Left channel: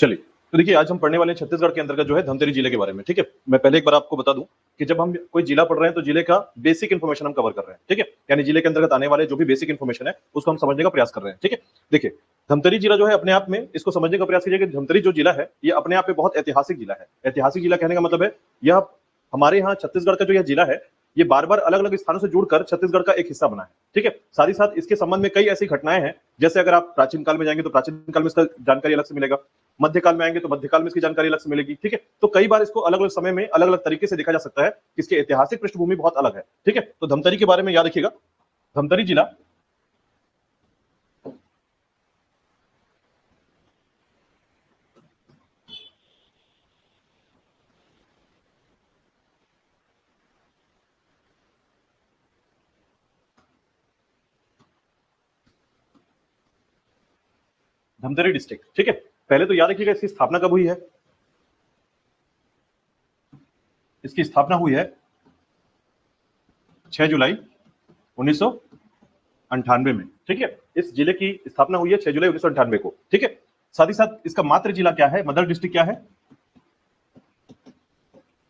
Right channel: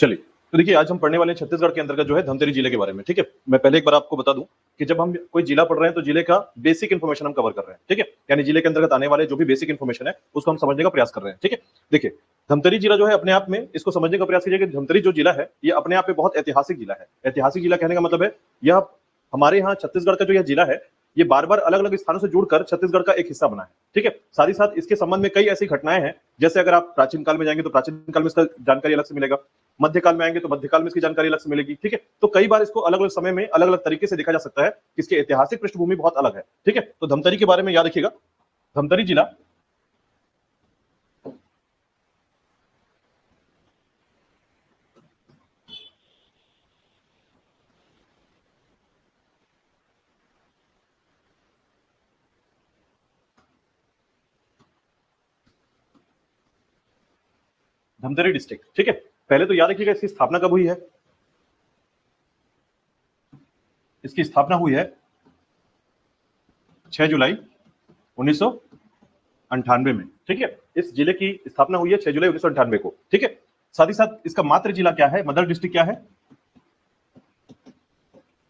चलिए, तो देखिए आज हम पढ़ने वाले हैं छत्तीसगढ़ के अंतर्गत जो है धमतरी जिले के बारे में। ठीक है, मैं पहले एक बार आपको बता दूं कि जब हम कोई जिला पढ़ रहे हैं तो जिले का बेसिक इन्फॉर्मेशन हम कवर कर रहे हैं। ठीक है, यानी जिले के अंतर्गत आने वाले जो भी बेसिक इन्फॉर्मेशन है उसको हम समझने का प्रयास कर रहे हैं। ठीक है, देखिए धमतरी जिला जो है अपने आप में इसको समझने का प्रयास कीजिए कि धमतरी जो जिला है ये अपने आप में बहुत ऐतिहासिक जिला है। ऐतिहासिक जिला कहने का मतलब है यह हमारे यहाँ छत्तीसगढ़ का जो यह जिला है ये बार बार अलग अलग स्थानों से जुड़कर छत्तीसगढ़ का एक हिस्सा बना है। ठीक है, साथ ही साथ इसके संबंध में कई ऐसी घटनाएं हैं, जैसे अगर आप प्राचीन काल में जाएंगे तो प्राचीन काल में इसका जानकारी अलग से मिलेगा, मध्यकाल में आएंगे तो मध्यकाल में इसकी जानकारी अलग से मिलेगी। ठीक है, तो कई बार इसको अलग अलग समय में अलग अलग तरीके से देखा जा सकता है, इसकी ऐतिहासिक पृष्ठभूमि बहुत अलग है। ठीक है, तो धमतरी के बारे में याद रखिएगा, धमतरी जिला धमतरी डिस्ट्रिक्ट। ठीक है, पहले तो याद रखिएगा इसकी स्थापना कब हुई है। इसकी स्थापना हुई है 6 जुलाई 1998 में। ठीक है, इस जिले की स्थापना हुई है 6 जुलाई 1998 को। ठीक है, साथ ही साथ इसका मातृ जिला क्या है, मदर डिस्ट्रिक्ट क्या है,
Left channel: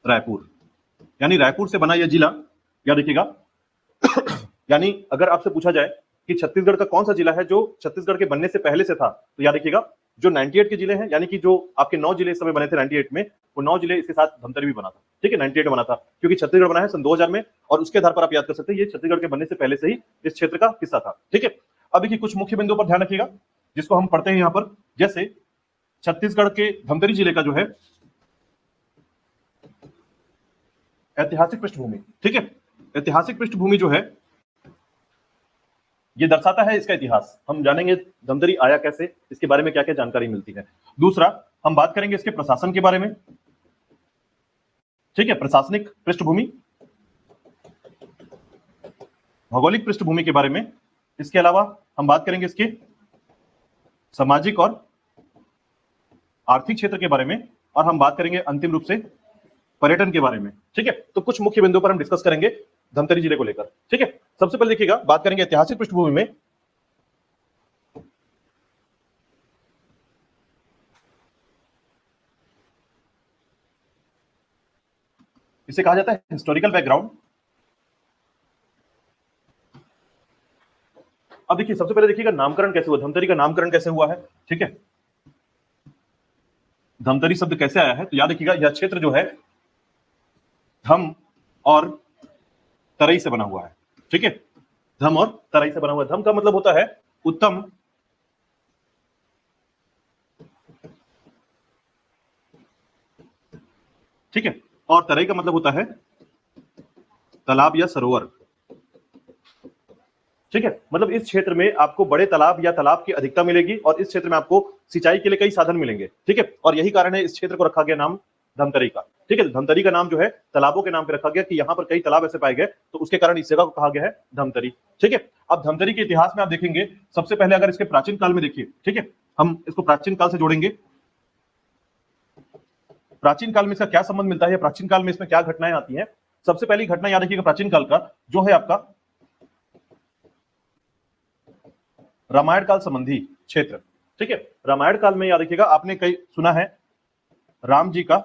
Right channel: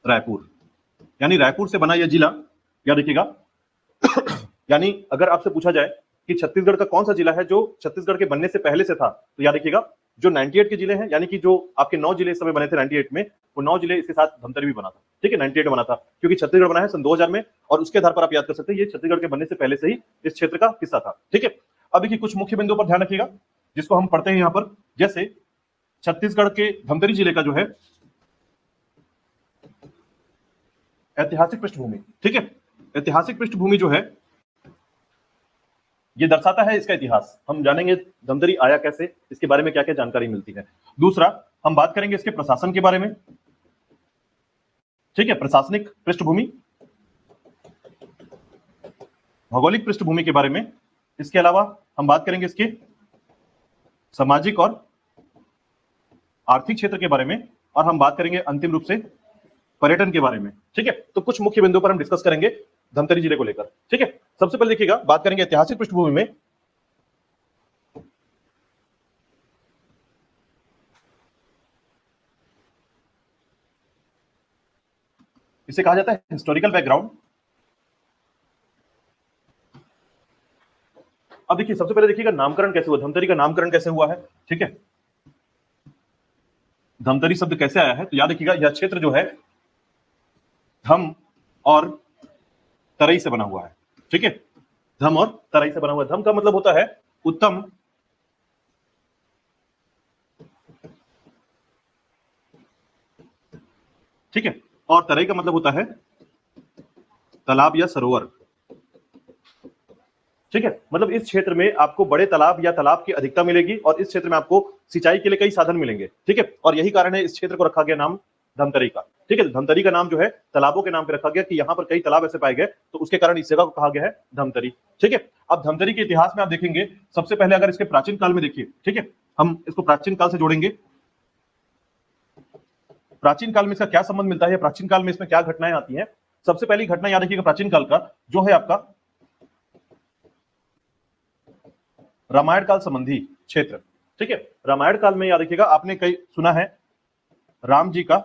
रायपुर। यानी रायपुर से बना यह जिला, याद रखिएगा। यानी अगर आपसे पूछा जाए कि छत्तीसगढ़ का कौन सा जिला है जो छत्तीसगढ़ के बनने से पहले से था, तो याद रखिएगा जो 98 के जिले हैं, यानी कि जो आपके 9 जिले इस समय बने थे 98 में, वो 9 जिले इसके साथ धमतरी भी बना था। ठीक है, 98 में बना था क्योंकि छत्तीसगढ़ बना है सन 2000 में, और उसके आधार पर आप याद कर सकते हैं ये छत्तीसगढ़ के बनने से पहले से ही इस क्षेत्र का हिस्सा था। ठीक है, अब देखिए कुछ मुख्य बिंदुओं पर ध्यान रखिएगा जिसको हम पढ़ते हैं यहाँ पर, जैसे छत्तीसगढ़ के धमतरी जिले का जो है ऐतिहासिक पृष्ठभूमि। ठीक है, ऐतिहासिक पृष्ठभूमि जो है ये दर्शाता है इसका इतिहास। हम जानेंगे धमतरी आया कैसे, इसके बारे में क्या क्या जानकारी मिलती है। दूसरा, हम बात करेंगे इसके प्रशासन के बारे में। ठीक है, प्रशासनिक पृष्ठभूमि, भौगोलिक पृष्ठभूमि के बारे में। इसके अलावा हम बात करेंगे इसके सामाजिक और आर्थिक क्षेत्र के बारे में, और हम बात करेंगे अंतिम रूप से पर्यटन के बारे में। ठीक है, तो कुछ मुख्य बिंदुओं पर हम डिस्कस करेंगे धमतरी जिले को लेकर। ठीक है, सबसे पहले देखिएगा, बात करेंगे ऐतिहासिक पृष्ठभूमि में। इसे कहा जाता है हिस्टोरिकल बैकग्राउंड। अब देखिए सबसे पहले देखिएगा नामकरण कैसे हुआ, धमतरी का नामकरण कैसे हुआ है। ठीक है, धमतरी शब्द कैसे आया है, तो याद रखिएगा यह क्षेत्र जो है धम और तरई से बना हुआ है। ठीक है, धम और तराई से बना हुआ है। धम का मतलब होता है उत्तम, ठीक है, और तराई का मतलब होता है तालाब या सरोवर। ठीक है, मतलब इस क्षेत्र में आपको बड़े तालाब या तालाब की अधिकता मिलेगी, और इस क्षेत्र में आपको सिंचाई के लिए कई साधन मिलेंगे। ठीक है, और यही कारण है इस क्षेत्र को रखा गया नाम धमतरी का। ठीक है, धमतरी का नाम जो है तालाबों के नाम पे रखा गया कि यहाँ पर कई तालाब ऐसे पाए गए, तो उसके कारण इस जगह को कहा गया है धमतरी। ठीक है, अब धमतरी के इतिहास में आप देखेंगे, सबसे पहले अगर इसके प्राचीन काल में देखिए, ठीक है, हम इसको प्राचीन काल से जोड़ेंगे। प्राचीन काल में इसका क्या संबंध मिलता है, प्राचीन काल में इसमें क्या घटनाएं आती हैं। सबसे पहली घटना याद रखिएगा प्राचीन काल का जो है आपका रामायण काल संबंधी क्षेत्र। ठीक है, रामायण काल में याद रखिएगा आपने कई सुना है राम जी का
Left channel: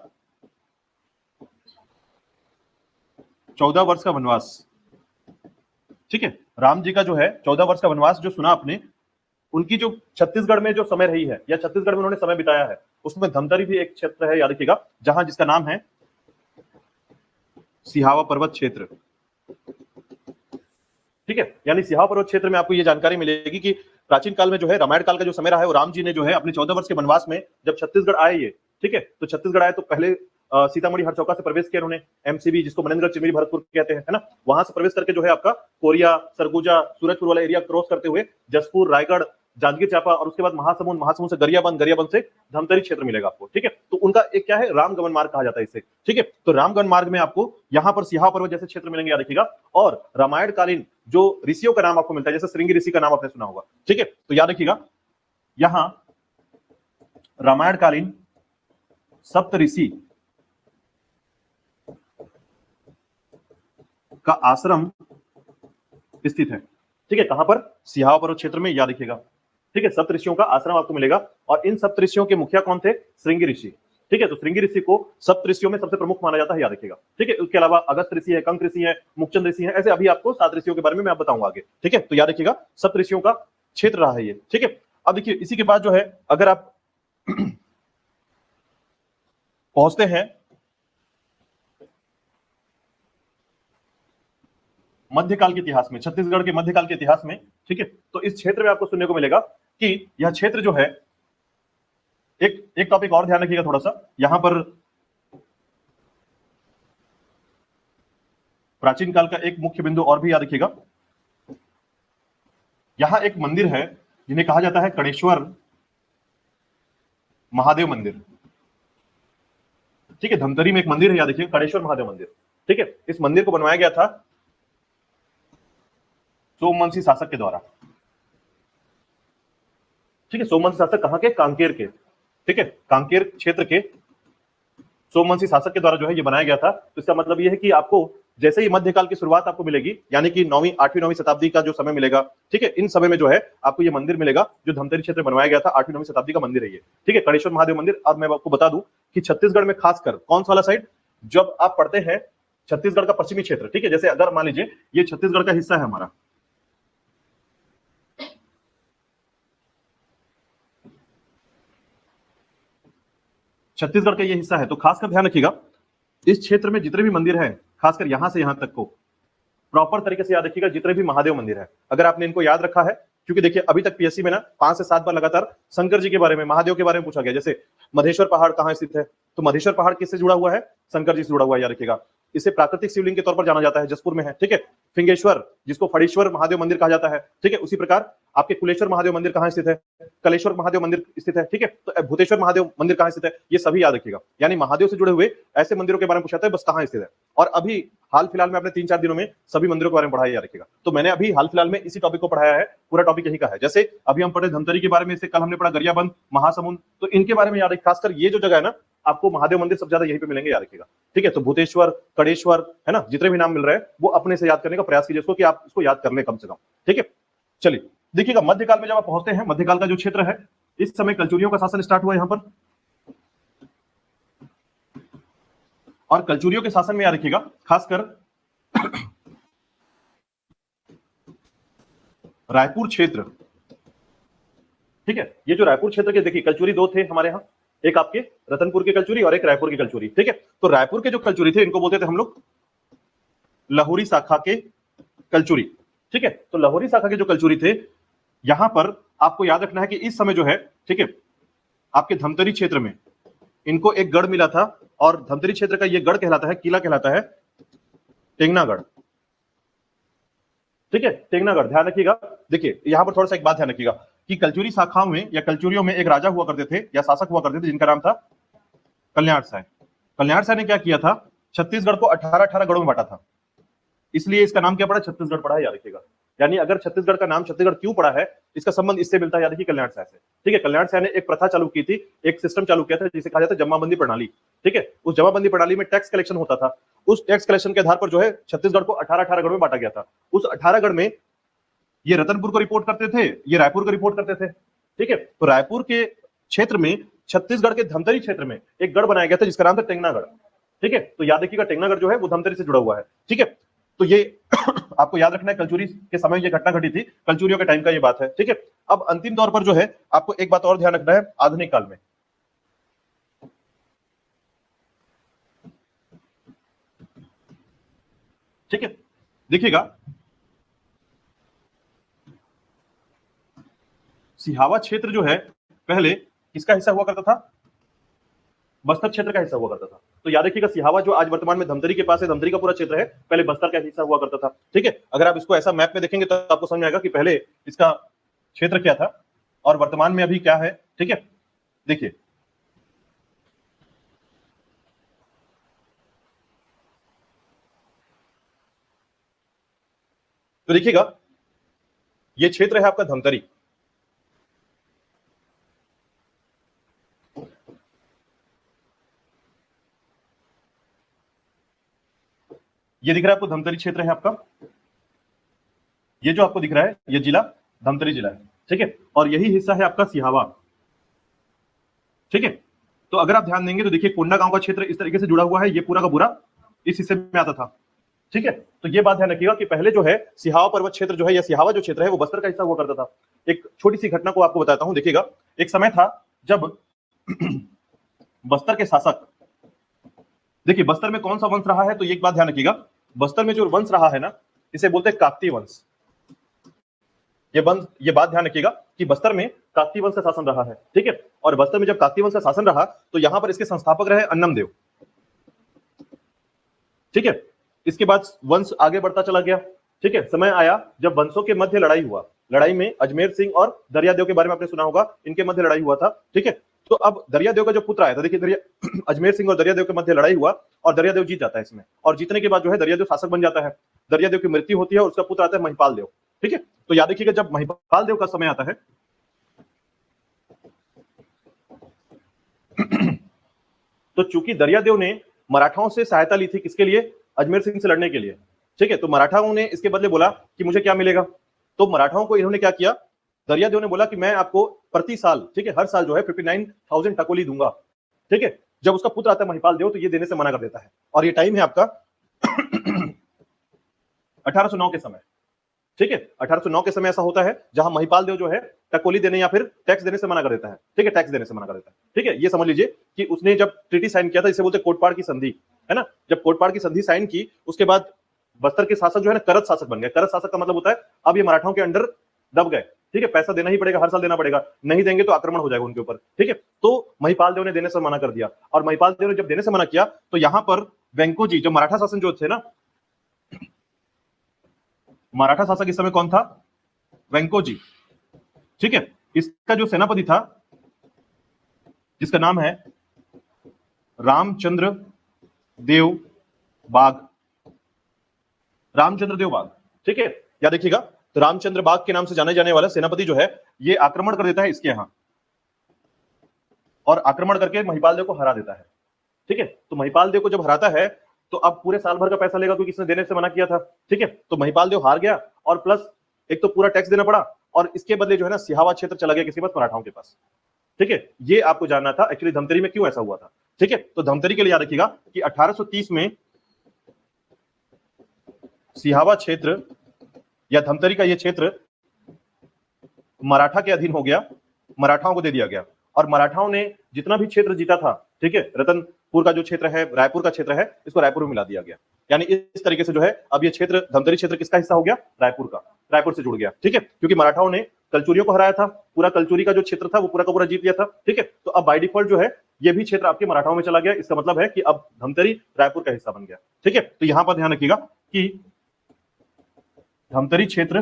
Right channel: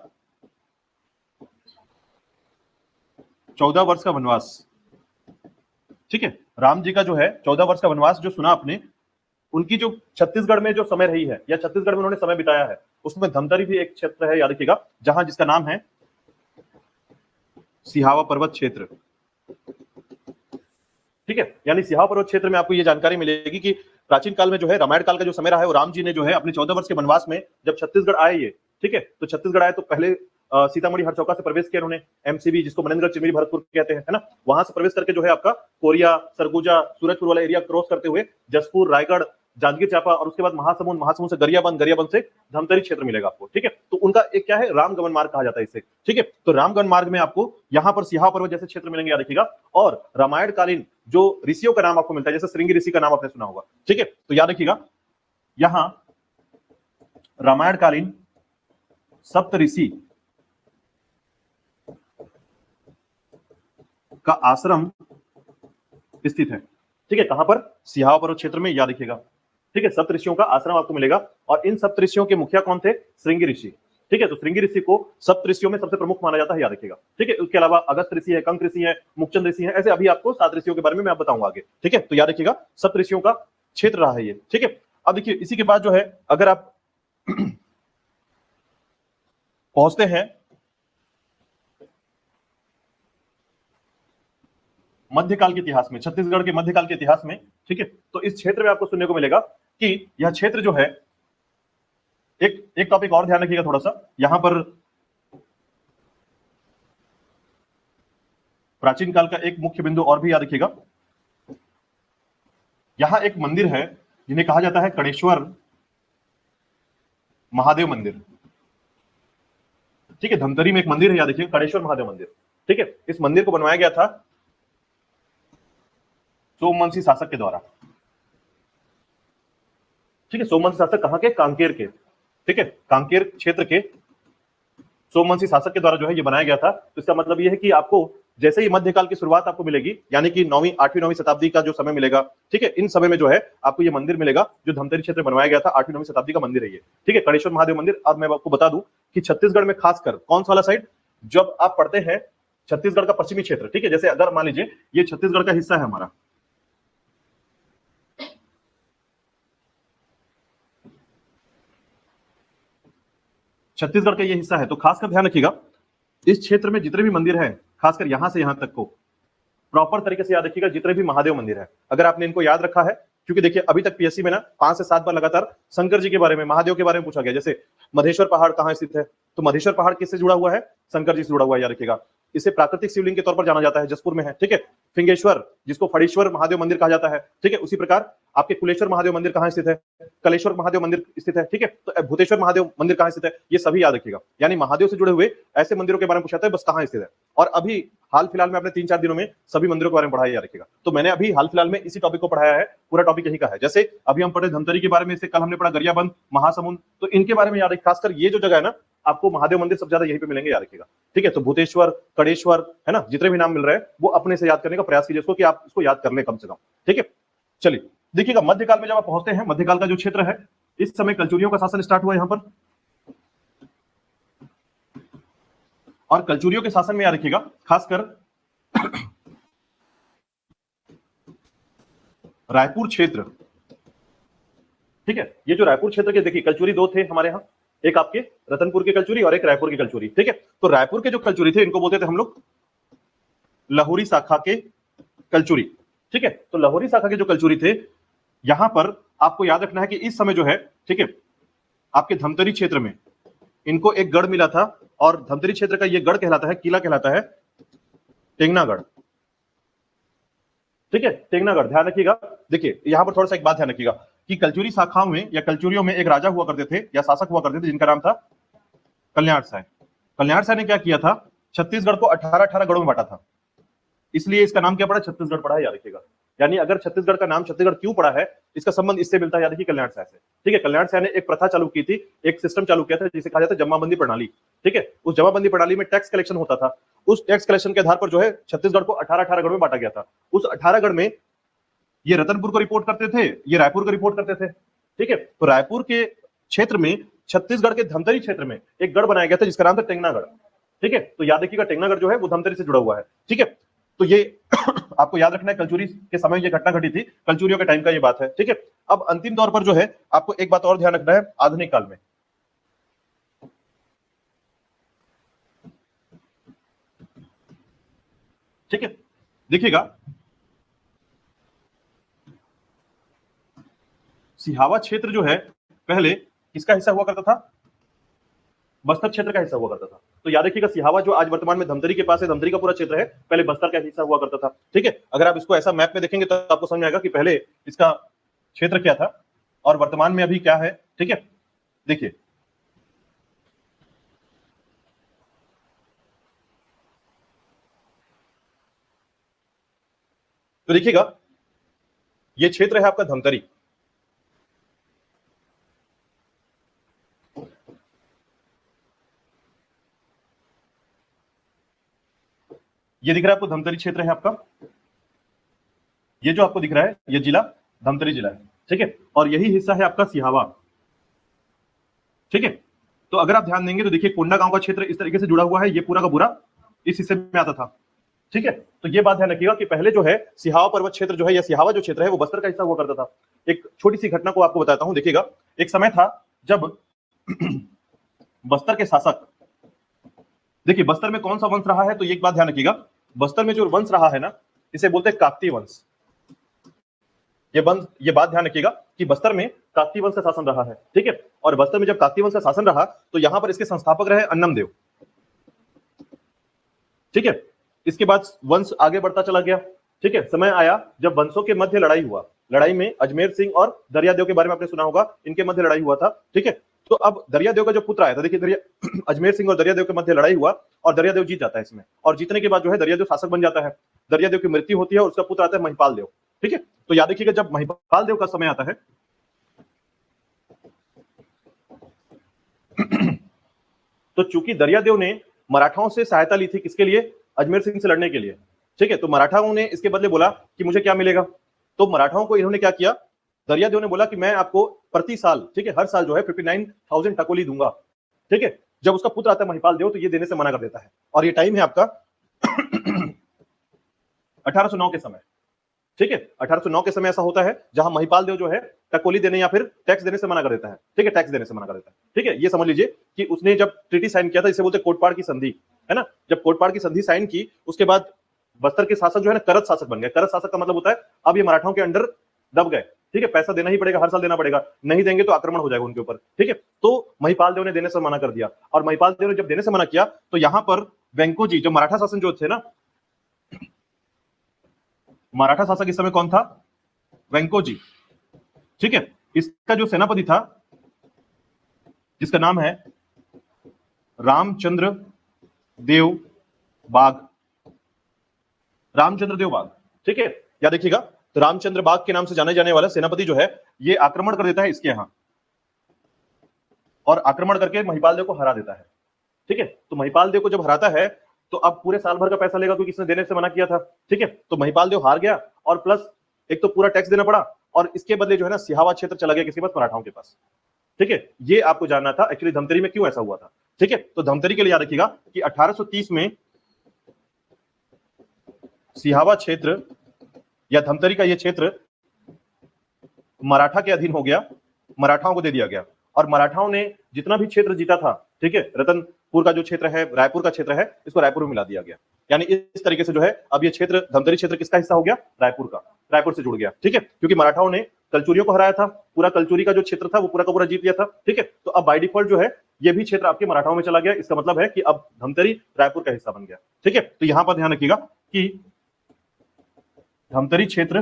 14 वर्ष का वनवास। ठीक है, राम जी का जो है 14 वर्ष का वनवास जो सुना आपने, उनकी जो छत्तीसगढ़ में जो समय रही है या छत्तीसगढ़ में उन्होंने समय बिताया है, उसमें धमतरी भी एक क्षेत्र है, याद रखिएगा, जहां जिसका नाम है सिहावा पर्वत क्षेत्र। ठीक है, यानी सिहावा पर्वत क्षेत्र में आपको ये जानकारी मिलेगी कि प्राचीन काल में जो है रामायण काल का जो समय रहा है, वो राम जी ने जो है अपने 14 वर्ष के वनवास में जब छत्तीसगढ़ आए ये, ठीक है, तो छत्तीसगढ़ आए तो पहले सीतामढ़ी हरचौका से प्रवेश किया उन्होंने, एमसीबी जिसको मनेन्द्रगढ़ चिरमिरी भरतपुर कहते हैं ना, वहां से प्रवेश करके जो है आपका कोरिया सरगुजा सूरजपुर वाला एरिया क्रॉस करते हुए जसपुर रायगढ़ जांजगीर चांपा, और उसके बाद महासमुंद, महासमुंद से गरियाबंद, गरियाबंद से धमतरी क्षेत्र मिलेगा आपको। ठीक है, तो उनका एक क्या है, रामगमन मार्ग कहा जाता है इसे। ठीक है, तो रामगमन मार्ग में आपको यहाँ पर सिहावा पर्वत जैसे क्षेत्र मिलेंगे, याद रखिएगा, और रामायण कालीन जो ऋषियों का नाम आपको मिलता है, जैसे श्रृंगी ऋषि का नाम आपने सुना होगा। ठीक है, तो याद रखिएगा यहाँ रामायण कालीन सप्त ऋषि का आश्रम स्थित है। ठीक है, कहां पर, सिहावा पर्वत क्षेत्र में, याद रखिएगा। ठीक है, सप्तऋषियों का आश्रम आपको मिलेगा और इन सप्तऋषियों के मुखिया कौन थे? श्रृंगी ऋषि। ठीक है, तो श्रृंगी ऋषि को सप्तऋषियों में सबसे प्रमुख माना जाता है, याद रखिएगा। ठीक है, उसके अलावा अगस्त ऋषि है, कंक ऋषि है, मुक्चंद ऋषि है, ऐसे अभी आपको 7 ऋषियों के बारे में मैं बताऊंगा आगे। ठीक है, तो याद रखिएगा सप्तऋषियों का क्षेत्र रहा है ये। ठीक है, अब देखिए इसी के बाद जो है अगर आप पहुंचते हैं मध्यकाल के इतिहास में, छत्तीसगढ़ के मध्यकाल के इतिहास में, ठीक है, तो इस क्षेत्र में आपको सुनने को मिलेगा कि यह क्षेत्र जो है, एक एक टॉपिक और ध्यान रखिएगा थोड़ा सा, यहां पर प्राचीन काल का एक मुख्य बिंदु और भी याद रखिएगा। यहां एक मंदिर है जिन्हें कहा जाता है कणेश्वर महादेव मंदिर। ठीक है, धमतरी में एक मंदिर है, याद रखिए, कणेश्वर महादेव मंदिर। ठीक है, इस मंदिर को बनवाया गया था सोमवंशी शासक के द्वारा। ठीक है, सोमवंशी शासक कहां के? कांकेर के। ठीक है, कांकेर क्षेत्र के सोमवंशी शासक के द्वारा जो है ये बनाया गया था। तो इसका मतलब ये है कि आपको जैसे ही मध्यकाल की शुरुआत आपको मिलेगी, यानी कि 9वीं 8वीं 9वीं शताब्दी का जो समय मिलेगा, ठीक है, इन समय में जो है आपको ये मंदिर मिलेगा जो धमतरी क्षेत्र में बनवाया गया था। 8वीं 9वीं शताब्दी का मंदिर है ये। ठीक है, कणेश्वर महादेव मंदिर। अब मैं आपको बता दूं कि छत्तीसगढ़ में खासकर कौन सा वाला साइड, जब आप पढ़ते हैं छत्तीसगढ़ का पश्चिमी क्षेत्र, ठीक है, जैसे अगर मान लीजिए ये छत्तीसगढ़ का हिस्सा है हमारा, छत्तीसगढ़ का ये हिस्सा है, तो खासकर ध्यान रखिएगा इस क्षेत्र में जितने भी मंदिर हैं, खासकर यहां से यहां तक को प्रॉपर तरीके से याद रखिएगा, जितने भी महादेव मंदिर है, अगर आपने इनको याद रखा है, क्योंकि देखिए अभी तक पीएससी में ना 5 से 7 बार लगातार शंकर जी के बारे में, महादेव के बारे में पूछा गया। जैसे मधेश्वर पहाड़ कहां स्थित है, तो मधेश्वर पहाड़ किससे जुड़ा हुआ है? शंकर जी से जुड़ा हुआ है, याद रखिएगा। इसे प्राकृतिक शिवलिंग के तौर पर जाना जाता है, जसपुर में है। ठीक है, फिंगेश्वर जिसको फड़ेश्वर महादेव मंदिर कहा जाता है। ठीक है, उसी प्रकार आपके कुलेश्वर महादेव मंदिर कहां स्थित है? कलेश्वर महादेव मंदिर स्थित है। ठीक है, तो भूतेश्वर महादेव मंदिर कहां स्थित है? ये सभी याद रखिएगा। यानी महादेव से जुड़े हुए ऐसे मंदिरों के बारे में पूछा था, बस कहां स्थित है। और अभी हाल फिलहाल में अपने 3-4 दिनों में सभी मंदिरों के बारे में पढ़ाया, याद रखिएगा। तो मैंने अभी हाल फिलहाल में इसी टॉपिक को पढ़ाया है, पूरा टॉपिक यही का है। जैसे अभी हम पढ़े धमतरी के बारे में, इससे कल हमने पढ़ा गरियाबंद, महासमुंद, तो इनके बारे में याद रखिए। खासकर ये जो जगह है ना, आपको महादेव मंदिर सबसे ज्यादा यहीं पे मिलेंगे, याद रखिएगा। ठीक है, तो भूतेश्वर, कड़ेश्वर, है ना, जितने भी नाम मिल रहे हैं वो अपने से याद करने का प्रयास कीजिए, इसको कि आप इसको याद कर ले कम से कम। ठीक है, चलिए देखिएगा मध्यकाल में जब आप पहुंचते हैं, मध्यकाल का जो क्षेत्र है, इस समय कलचुरियों का शासन स्टार्ट हुआ यहां पर, और कलचुरियों के शासन में याद रखिएगा खासकर रायपुर क्षेत्र। ठीक है, ये जो रायपुर क्षेत्र के, देखिए कलचुरी दो थे हमारे यहाँ, एक आपके रतनपुर के कलचुरी और एक रायपुर के कलचुरी। ठीक है, तो रायपुर के जो कलचुरी थे इनको बोलते थे हम लोग लाहौरी शाखा के कलचुरी। ठीक है, तो लाहौरी शाखा के जो कलचुरी थे, यहां पर आपको याद रखना है कि इस समय जो है, ठीक है, आपके धमतरी क्षेत्र में इनको एक गढ़ मिला था, और धमतरी क्षेत्र का ये गढ़ कहलाता है, किला कहलाता है टेंगनागढ़। ठीक है, टेंगनागढ़ ध्यान रखिएगा। देखिए यहां पर थोड़ा सा एक बात ध्यान रखिएगा कि कलचुरी शाखाओं में या कलचुरियों में एक राजा हुआ करते थे या शासक हुआ करते थे जिनका नाम था कल्याण साय। कल्याण साय ने क्या किया था? छत्तीसगढ़ को 18-18 गढ़ों में बांटा था, इसलिए इसका नाम क्या पड़ा? छत्तीसगढ़ पड़ा है, याद रखिएगा। यानी अगर छत्तीसगढ़ का नाम छत्तीसगढ़ क्यों पड़ा है, इसका संबंध इससे मिलता है, याद रखिए, कल्याण साय से। ठीक है, कल्याण साय ने एक प्रथा चालू की थी, एक सिस्टम चालू किया था जिसे कहा जाता है जमाबंदी प्रणाली। ठीक है, उस जमाबंदी प्रणाली में टैक्स कलेक्शन होता था, उस टैक्स कलेक्शन के आधार पर जो है छत्तीसगढ़ को 18-18 गढ़ में बांटा गया था। उस 18 गढ़ में ये रतनपुर को रिपोर्ट करते थे, ये रायपुर को रिपोर्ट करते थे। ठीक है, तो रायपुर के क्षेत्र में, छत्तीसगढ़ के धमतरी क्षेत्र में एक गढ़ बनाया गया था जिसका नाम था टेंगनागढ़। ठीक है, तो याद रखिएगा टेंगनागढ़ जो है वो धमतरी से जुड़ा हुआ है। ठीक है, तो ये आपको याद रखना है, कलचुरी के समय ये घटना घटी थी, कलचुरियों के टाइम का ये बात है। ठीक है, अब अंतिम तौर पर जो है आपको एक बात और ध्यान रखना है, आधुनिक काल में। ठीक है, देखिएगा सिहावा क्षेत्र जो है पहले किसका हिस्सा हुआ करता था? बस्तर क्षेत्र का हिस्सा हुआ करता था। तो याद रखिएगा सिहावा जो आज वर्तमान में धमतरी के पास है, धमतरी का पूरा क्षेत्र है, पहले बस्तर का हिस्सा हुआ करता था। ठीक है, अगर आप इसको ऐसा मैप में देखेंगे तो आपको समझ में आएगा कि पहले इसका क्षेत्र क्या था और वर्तमान में अभी क्या है। ठीक है, देखिए तो देखिएगा ये क्षेत्र है आपका धमतरी। ये दिख रहा है आपको, धमतरी क्षेत्र है आपका। ये जो आपको दिख रहा है ये जिला, धमतरी जिला है, ठीक है, और यही हिस्सा है आपका सिहावा, ठीक है। तो अगर आप ध्यान देंगे तो देखिए कोंडा गांव का क्षेत्र इस तरीके से जुड़ा हुआ है, ये पूरा का पूरा इस हिस्से में आता था, ठीक है। तो ये बात ध्यान रखिएगा कि पहले जो है सिहावा पर्वत क्षेत्र जो है या सिहावा जो क्षेत्र है वो बस्तर का हिस्सा हुआ करता था। एक छोटी सी घटना को आपको बताता हूं, देखिएगा एक समय था जब बस्तर के शासक, देखिए बस्तर में कौन सा वंश रहा है, तो एक बात ध्यान रखिएगा, बस्तर में जो वंश रहा है ना, इसे बोलते हैं काकतीय वंश। ये बात ध्यान रखिएगा कि बस्तर में काकतीय वंश का शासन रहा है, ठीक है। और बस्तर में जब काकतीय वंश का शासन रहा तो यहां पर इसके संस्थापक रहे अन्नमदेव, ठीक है। इसके बाद वंश आगे बढ़ता चला गया, ठीक है। समय आया जब वंशों के मध्य लड़ाई हुआ, लड़ाई में अजमेर सिंह और दरियादेव के बारे में आपने सुना होगा, इनके मध्य लड़ाई हुआ था, ठीक है। तो अब दरियादेव का जो पुत्र आया था, देखिए अजमेर सिंह और दरियादेव के मध्य लड़ाई हुआ और दरियादेव जीत जाता है इसमें, और जीतने के बाद जो है दरियादेव शासक बन जाता है, दरियादेव की मृत्यु होती है और उसका पुत्र आता है महिपाल देव, ठीक है। तो याद रखिएगा जब महिपाल देव का समय आता है तो चूंकि दरियादेव ने मराठाओं से सहायता ली थी, किसके लिए, अजमेर सिंह से लड़ने के लिए, ठीक है। तो मराठाओं ने इसके बदले बोला कि मुझे क्या मिलेगा, तो मराठाओं को इन्होंने क्या किया, दरियादेव ने बोला कि मैं आपको प्रति साल, ठीक है, हर साल जो है 59,000 टकोली दूंगा, ठीक है। जब उसका पुत्र आता है महिपाल देव तो ये देने से मना कर देता है, और ये टाइम है आपका 1809 के समय, ठीक है। 1809 के समय ऐसा होता है जहां महिपाल देव जो है टकोली देने या फिर टैक्स देने से मना कर देता है, ठीक है, टैक्स देने से मना कर देता है, ठीक है। ये समझ लीजिए कि उसने जब ट्रीटी साइन किया था, इसे बोलते कोटपाड़ की संधि, है ना। जब कोटपाड़ की संधि साइन की उसके बाद बस्तर के शासक जो है ना करत शासक बन गए। करत शासक का मतलब होता है अब ये मराठाओं के अंडर दब गए, ठीक है, पैसा देना ही पड़ेगा, हर साल देना पड़ेगा, नहीं देंगे तो आक्रमण हो जाएगा उनके ऊपर, ठीक है। तो महिपाल देव ने देने से मना कर दिया, और महिपाल देव ने जब देने से मना किया तो यहां पर वेंको जी जो मराठा शासन जो थे ना, मराठा शासक इस समय कौन था, वेंको जी, ठीक है। इसका जो सेनापति था इसका नाम है रामचंद्र, और आक्रमण करके महिपाल देव को हरा देता है, ठीक है। तो महिपाल देव को जब हराता है तो अब पूरे साल भर का पैसा लेगा क्योंकि इसने देने से मना किया था, ठीक है। तो महिपाल देव हार गया और प्लस एक तो पूरा टैक्स देना पड़ा, और इसके बदले जो है ना सिहावा क्षेत्र चला गया किसके पास, मराठाओं के पास, ठीक है। ये आपको जानना था एक्चुअली धमतरी में क्यों ऐसा हुआ था, ठीक है। तो धमतरी के लिए याद रखिएगा कि 1830 में सिहावा क्षेत्र या धमतरी का ये क्षेत्र मराठा के अधीन हो गया, मराठाओं को दे दिया गया, और मराठाओं ने जितना भी क्षेत्र जीता था, ठीक है, रतनपुर का जो क्षेत्र है, रायपुर का क्षेत्र है, इसको रायपुर में मिला दिया गया। यानी इस तरीके से जो है अब ये क्षेत्र धमतरी क्षेत्र किसका हिस्सा हो गया, रायपुर का, रायपुर से जुड़ गया, ठीक है। क्योंकि मराठाओं ने कलचुरियों को हराया था, पूरा कलचुरी का जो क्षेत्र था वो पूरा का पूरा जीत लिया था, ठीक है। तो अब बाय डिफॉल्ट जो है ये भी क्षेत्र आपके मराठाओं में चला गया, इसका मतलब है कि अब धमतरी रायपुर का हिस्सा बन गया, ठीक है। तो यहां पर ध्यान रखिएगा कि धमतरी क्षेत्र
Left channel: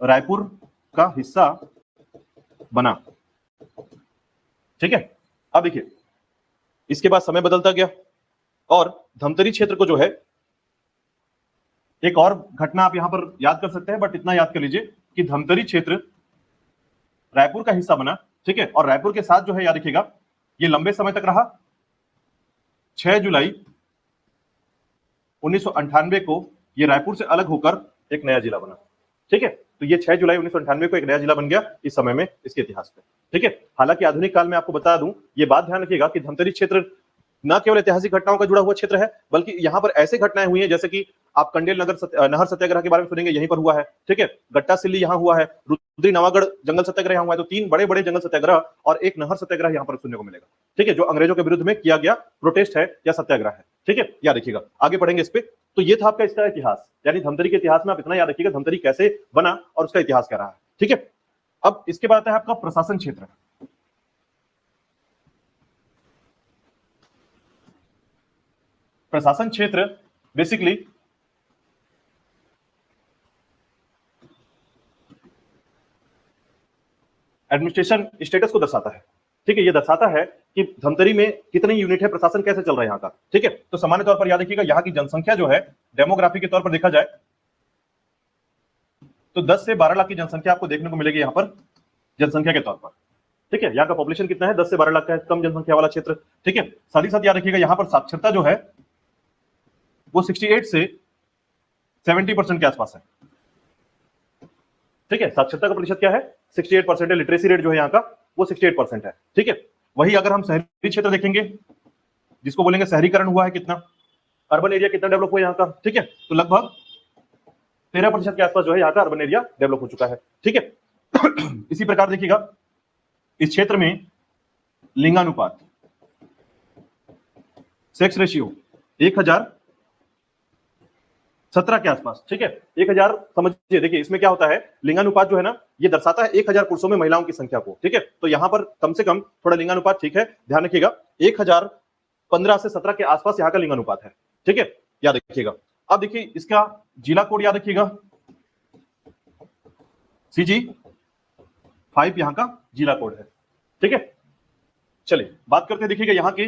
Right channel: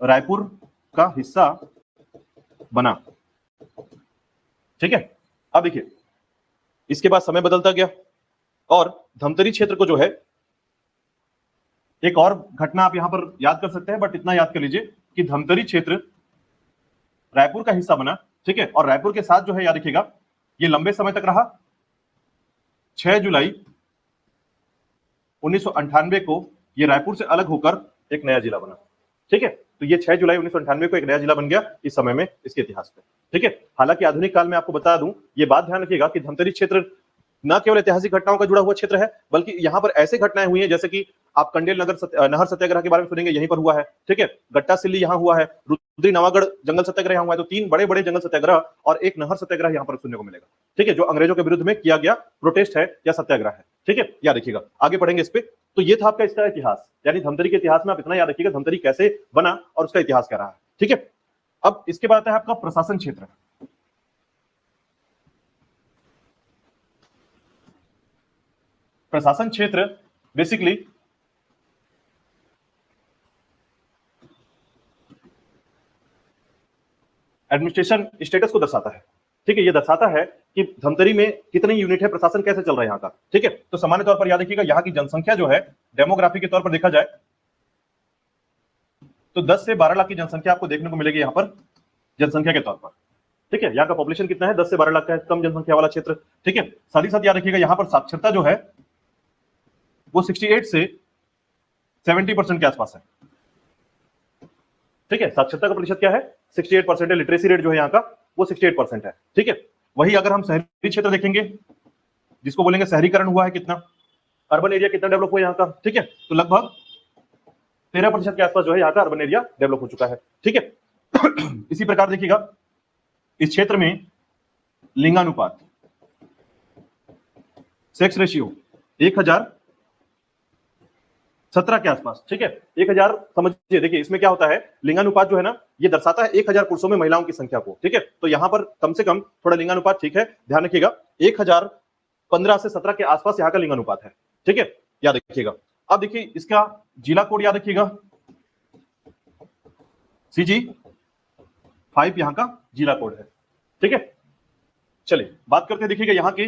रायपुर का हिस्सा बना, ठीक है। अब देखिए इसके बाद समय बदलता गया और धमतरी क्षेत्र को जो है, एक और घटना आप यहां पर याद कर सकते हैं, बट इतना याद कर लीजिए कि धमतरी क्षेत्र रायपुर का हिस्सा बना, ठीक है। और रायपुर के साथ जो है याद रखिएगा ये लंबे समय तक रहा। 6 जुलाई 1998 को ये रायपुर से अलग होकर एक नया जिला बना, ठीक है। तो ये 6 जुलाई 1998 को एक नया जिला बन गया इस समय में इसके इतिहास में, ठीक है। हालांकि आधुनिक काल में आपको बताया है, ये बात ध्यान रखिएगा कि धमतरी क्षेत्र न केवल ऐतिहासिक घटनाओं का जुड़ा हुआ क्षेत्र है, बल्कि यहाँ पर ऐसी घटनाएं हुई हैं जैसे कि आप कंडेल नहर सत्याग्रह के बारे में सुनेंगे, यहीं पर हुआ है, ठीक है। गट्टा सिल्ली यहाँ हुआ है, रुद्री नवागढ़ जंगल सत्याग्रह हुआ है। तो 3 बड़े बड़े जंगल सत्याग्रह और एक नहर सत्याग्रह यहाँ पर सुनने को मिलेगा, ठीक है, जो अंग्रेजों के विरुद्ध में किया गया प्रोटेस्ट है या सत्याग्रह है, ठीक है। याद रखिएगा, आगे बढ़ेंगे इस पे। तो ये था आपका इसका इतिहास, यानी धमतरी के इतिहास में आप इतना याद रखिएगा धमतरी कैसे बना और उसका इतिहास क्या रहा है, ठीक है। अब इसके बाद आता है आपका प्रशासन क्षेत्र। प्रशासन क्षेत्र बेसिकली एडमिनिस्ट्रेशन स्टेटस को दर्शाता है, ठीक है। ये दर्शाता है कि धमतरी में कितनी यूनिट है, प्रशासन कैसे चल रहा है यहाँ का, ठीक है। तो सामान्य तौर पर याद रखिएगा यहाँ की जनसंख्या जो है डेमोग्राफी के तौर पर देखा जाए तो 10 से 12 लाख की जनसंख्या आपको देखने को मिलेगी यहाँ पर जनसंख्या के तौर पर, ठीक है। यहाँ का पॉपुलेशन कितना है, 10 से 12 लाख का है, कम जनसंख्या वाला क्षेत्र, ठीक है। साथ ही साथ याद रखिएगा यहाँ पर साक्षरता जो है वो 68 से 70% के आसपास है, ठीक है, साक्षरता का प्रतिशत क्या है 68% है, लिटरेसी रेट जो है यहाँ का वो 68% है। ठीक है, वही अगर हम शहरी क्षेत्र देखेंगे जिसको बोलेंगे शहरीकरण हुआ है कितना, अर्बन एरिया कितना डेवलप हुआ यहाँ का, ठीक है, तो लगभग 13% के आसपास जो है यहाँ का अर्बन एरिया डेवलप हो चुका है। ठीक है इसी प्रकार देखिएगा इस क्षेत्र में लिंगानुपात, सेक्स रेशियो 1017 के आसपास। ठीक है, 1000 समझिए, देखिए इसमें क्या होता है, लिंगानुपात जो है ना ये दर्शाता है 1000 पुरुषों में महिलाओं की संख्या को। ठीक है, तो यहां पर कम से कम थोड़ा लिंगानुपात ठीक है, ध्यान रखिएगा 1015 से 17 के आसपास यहाँ का लिंगानुपात है। ठीक है, याद रखिएगा। अब देखिए इसका जिला कोड याद रखिएगा, CG5 यहाँ का जिला कोड है। ठीक है, चलिए बात करते हैं, देखिएगा यहाँ की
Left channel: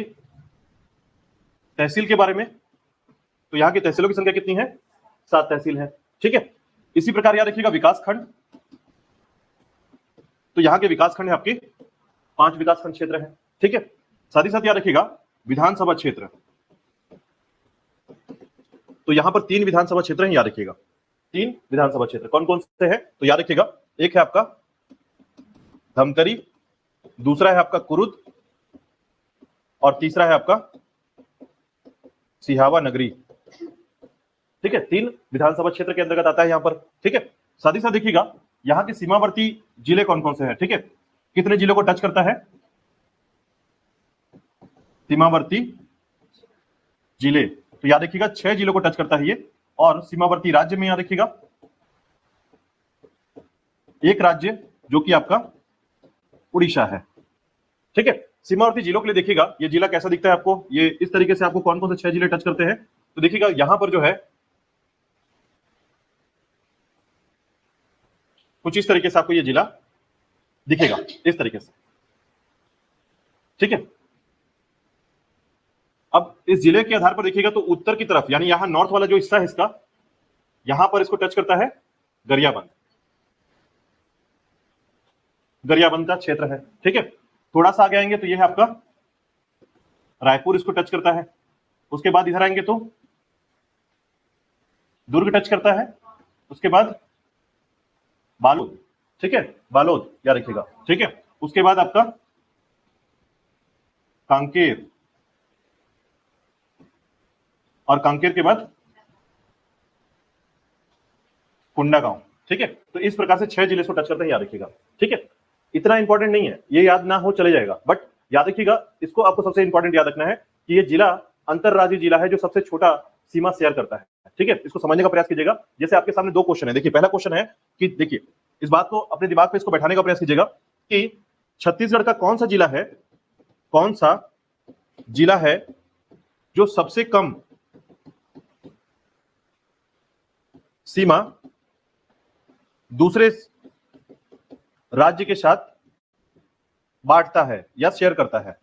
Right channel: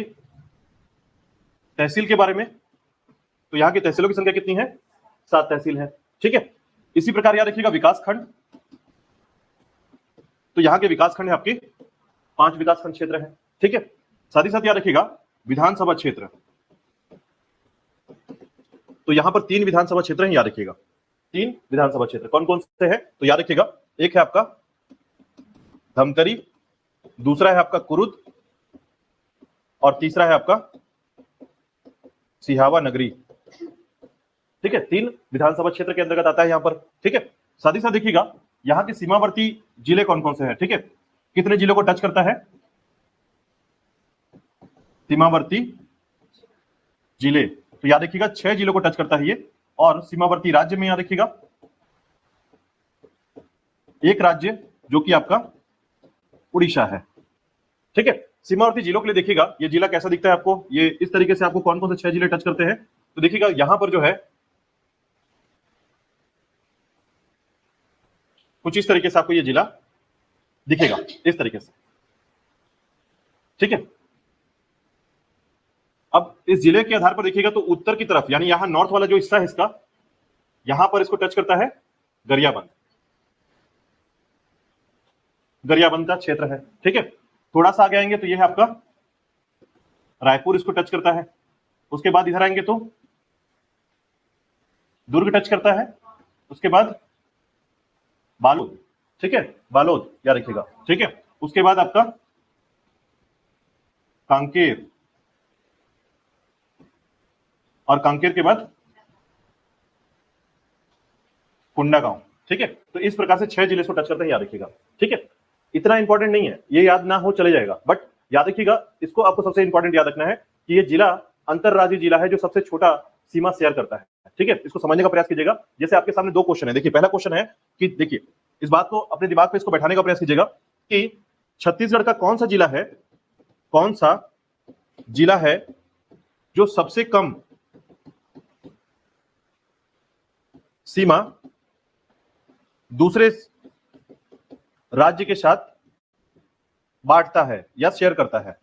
तहसील के बारे में। तो यहाँ की तहसीलों की संख्या कितनी है, 7 तहसील है। ठीक है, इसी प्रकार याद रखिएगा विकास खंड, तो यहाँ के विकास खंड है आपके 5 विकास खंड क्षेत्र है। ठीक है, साथ ही साथ याद रखिएगा विधानसभा क्षेत्र, तो यहाँ पर 3 विधानसभा क्षेत्र हैं, याद रखिएगा 3 विधानसभा क्षेत्र कौन कौन से हैं, तो याद रखिएगा एक है आपका धमतरी, दूसरा है आपका कुरुद और तीसरा है आपका सिहावा नगरी। ठीक है, 3 विधानसभा क्षेत्र के अंतर्गत आता है यहाँ पर। ठीक है, साथ ही साथ देखिएगा यहाँ के सीमावर्ती जिले कौन कौन से हैं। ठीक है, कितने जिलों को टच करता है, सीमावर्ती जिले, तो याद रखिएगा 6 जिलों को टच करता है ये। और सीमावर्ती राज्य में याद रखिएगा एक राज्य जो कि आपका उड़ीसा है। ठीक है, सीमावर्ती जिलों के लिए देखिएगा ये जिला कैसा दिखता है आपको, ये इस तरीके से आपको कौन कौन से 6 जिले टच करते हैं, तो देखिएगा यहां पर जो है कुछ इस तरीके से आपको ये जिला दिखेगा, इस तरीके से। ठीक है, अब इस जिले के आधार पर देखिएगा तो उत्तर की तरफ यानी यहां नॉर्थ वाला जो हिस्सा है इसका, यहां पर इसको टच करता है गरियाबंद, गरियाबंद का क्षेत्र है। ठीक है, थोड़ा सा आगे आएंगे तो ये है आपका रायपुर, इसको टच करता है। उसके बाद इधर आएंगे तो दुर्ग टच करता है, उसके बाद बालोद। ठीक है, बालोद याद रखिएगा। ठीक है, उसके बाद आपका कांकेर, और कांकेर के बाद कुंडागांव। ठीक है, तो इस प्रकार से 6 जिले को टच करते हैं, याद रखिएगा। ठीक है, इतना इंपॉर्टेंट नहीं है, ये याद ना हो चले जाएगा, बट याद रखिएगा इसको, आपको सबसे इंपॉर्टेंट याद रखना है कि ये जिला अंतरराज्यीय जिला है जो सबसे छोटा सीमा शेयर करता है। ठीक है, इसको समझने का प्रयास कीजिएगा। जैसे आपके सामने 2 क्वेश्चन है, देखिए पहला क्वेश्चन है कि देखिए इस बात को अपने दिमाग पे इसको बैठाने का प्रयास कीजिएगा कि छत्तीसगढ़ का कौन सा जिला है, कौन सा जिला है जो सबसे कम सीमा दूसरे राज्य के साथ बांटता है या शेयर करता है।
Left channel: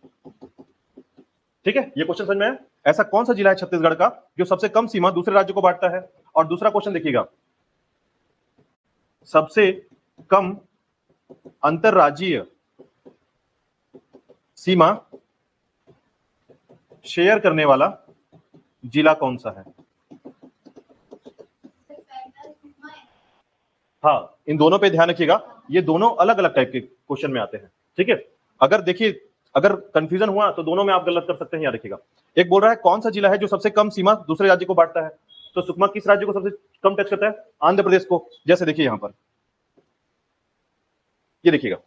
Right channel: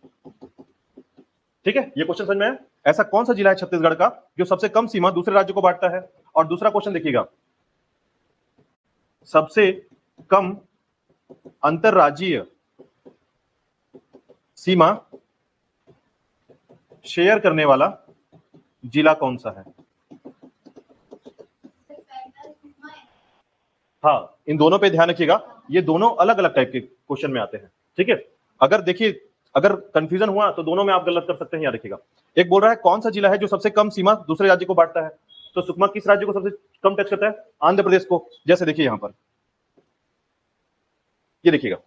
ठीक है, ये क्वेश्चन समझ में आया, ऐसा कौन सा जिला है छत्तीसगढ़ का जो सबसे कम सीमा दूसरे राज्य को बांटता है। और दूसरा क्वेश्चन देखिएगा, सबसे कम अंतरराज्यीय सीमा शेयर करने वाला जिला कौन सा है। हाँ, इन दोनों पे ध्यान रखिएगा, ये दोनों अलग अलग टाइप के क्वेश्चन में आते हैं। ठीक है, अगर देखिए अगर कंफ्यूजन हुआ तो दोनों में आप गलत कर सकते हैं, याद रखिएगा। एक बोल रहा है कौन सा जिला है जो सबसे कम सीमा दूसरे राज्य को बांटता है, तो सुकमा किस राज्य को सबसे कम टच करता है, आंध्र प्रदेश को। जैसे देखिए यहां पर ये देखिएगा,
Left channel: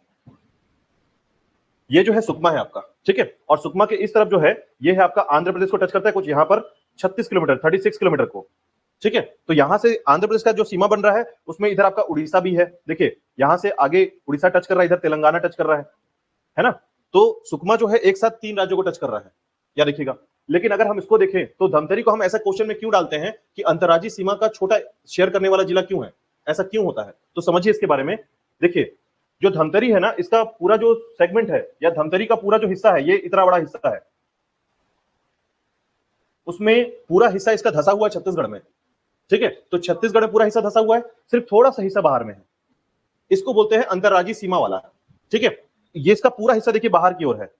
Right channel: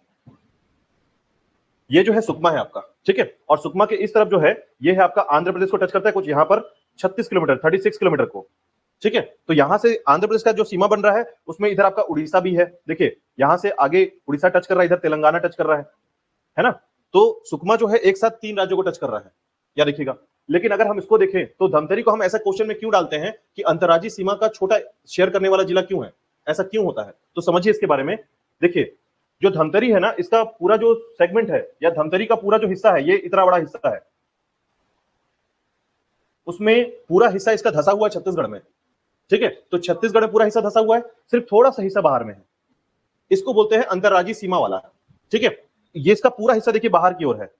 ये जो है सुकमा है आपका। ठीक है, और सुकमा के इस तरफ जो है ये है आपका आंध्र प्रदेश को टच करता है, कुछ यहां पर 36 किलोमीटर 36 किलोमीटर को। ठीक है, तो यहां से आंध्र प्रदेश का जो सीमा बन रहा है उसमें इधर आपका उड़ीसा भी है। देखिए यहां से आगे उड़ीसा टच कर रहा है, इधर तेलंगाना टच कर रहा है ना। तो सुकमा जो है एक साथ 3 राज्यों को टच कर रहा है, याद रखिएगा। लेकिन अगर हम इसको देखें तो धमतरी को हम ऐसा क्वेश्चन में क्यों डालते हैं कि अंतर्राज्यीय सीमा का छोटा शेयर करने वाला जिला क्यों है, ऐसा क्यों होता है, तो समझिए इसके बारे में। देखिए जो धमतरी है ना, इसका पूरा जो सेगमेंट है या धमतरी का पूरा जो हिस्सा है, ये इतना बड़ा हिस्सा है, उसमें पूरा हिस्सा इसका धसा हुआ है छत्तीसगढ़ में। ठीक है, तो छत्तीसगढ़ में पूरा हिस्सा धसा हुआ है, सिर्फ थोड़ा सा हिस्सा बाहर में है, इसको बोलते हैं अंतर्राज्यीय सीमा वाला। ठीक है, ये इसका पूरा हिस्सा देखिए बाहर की ओर है,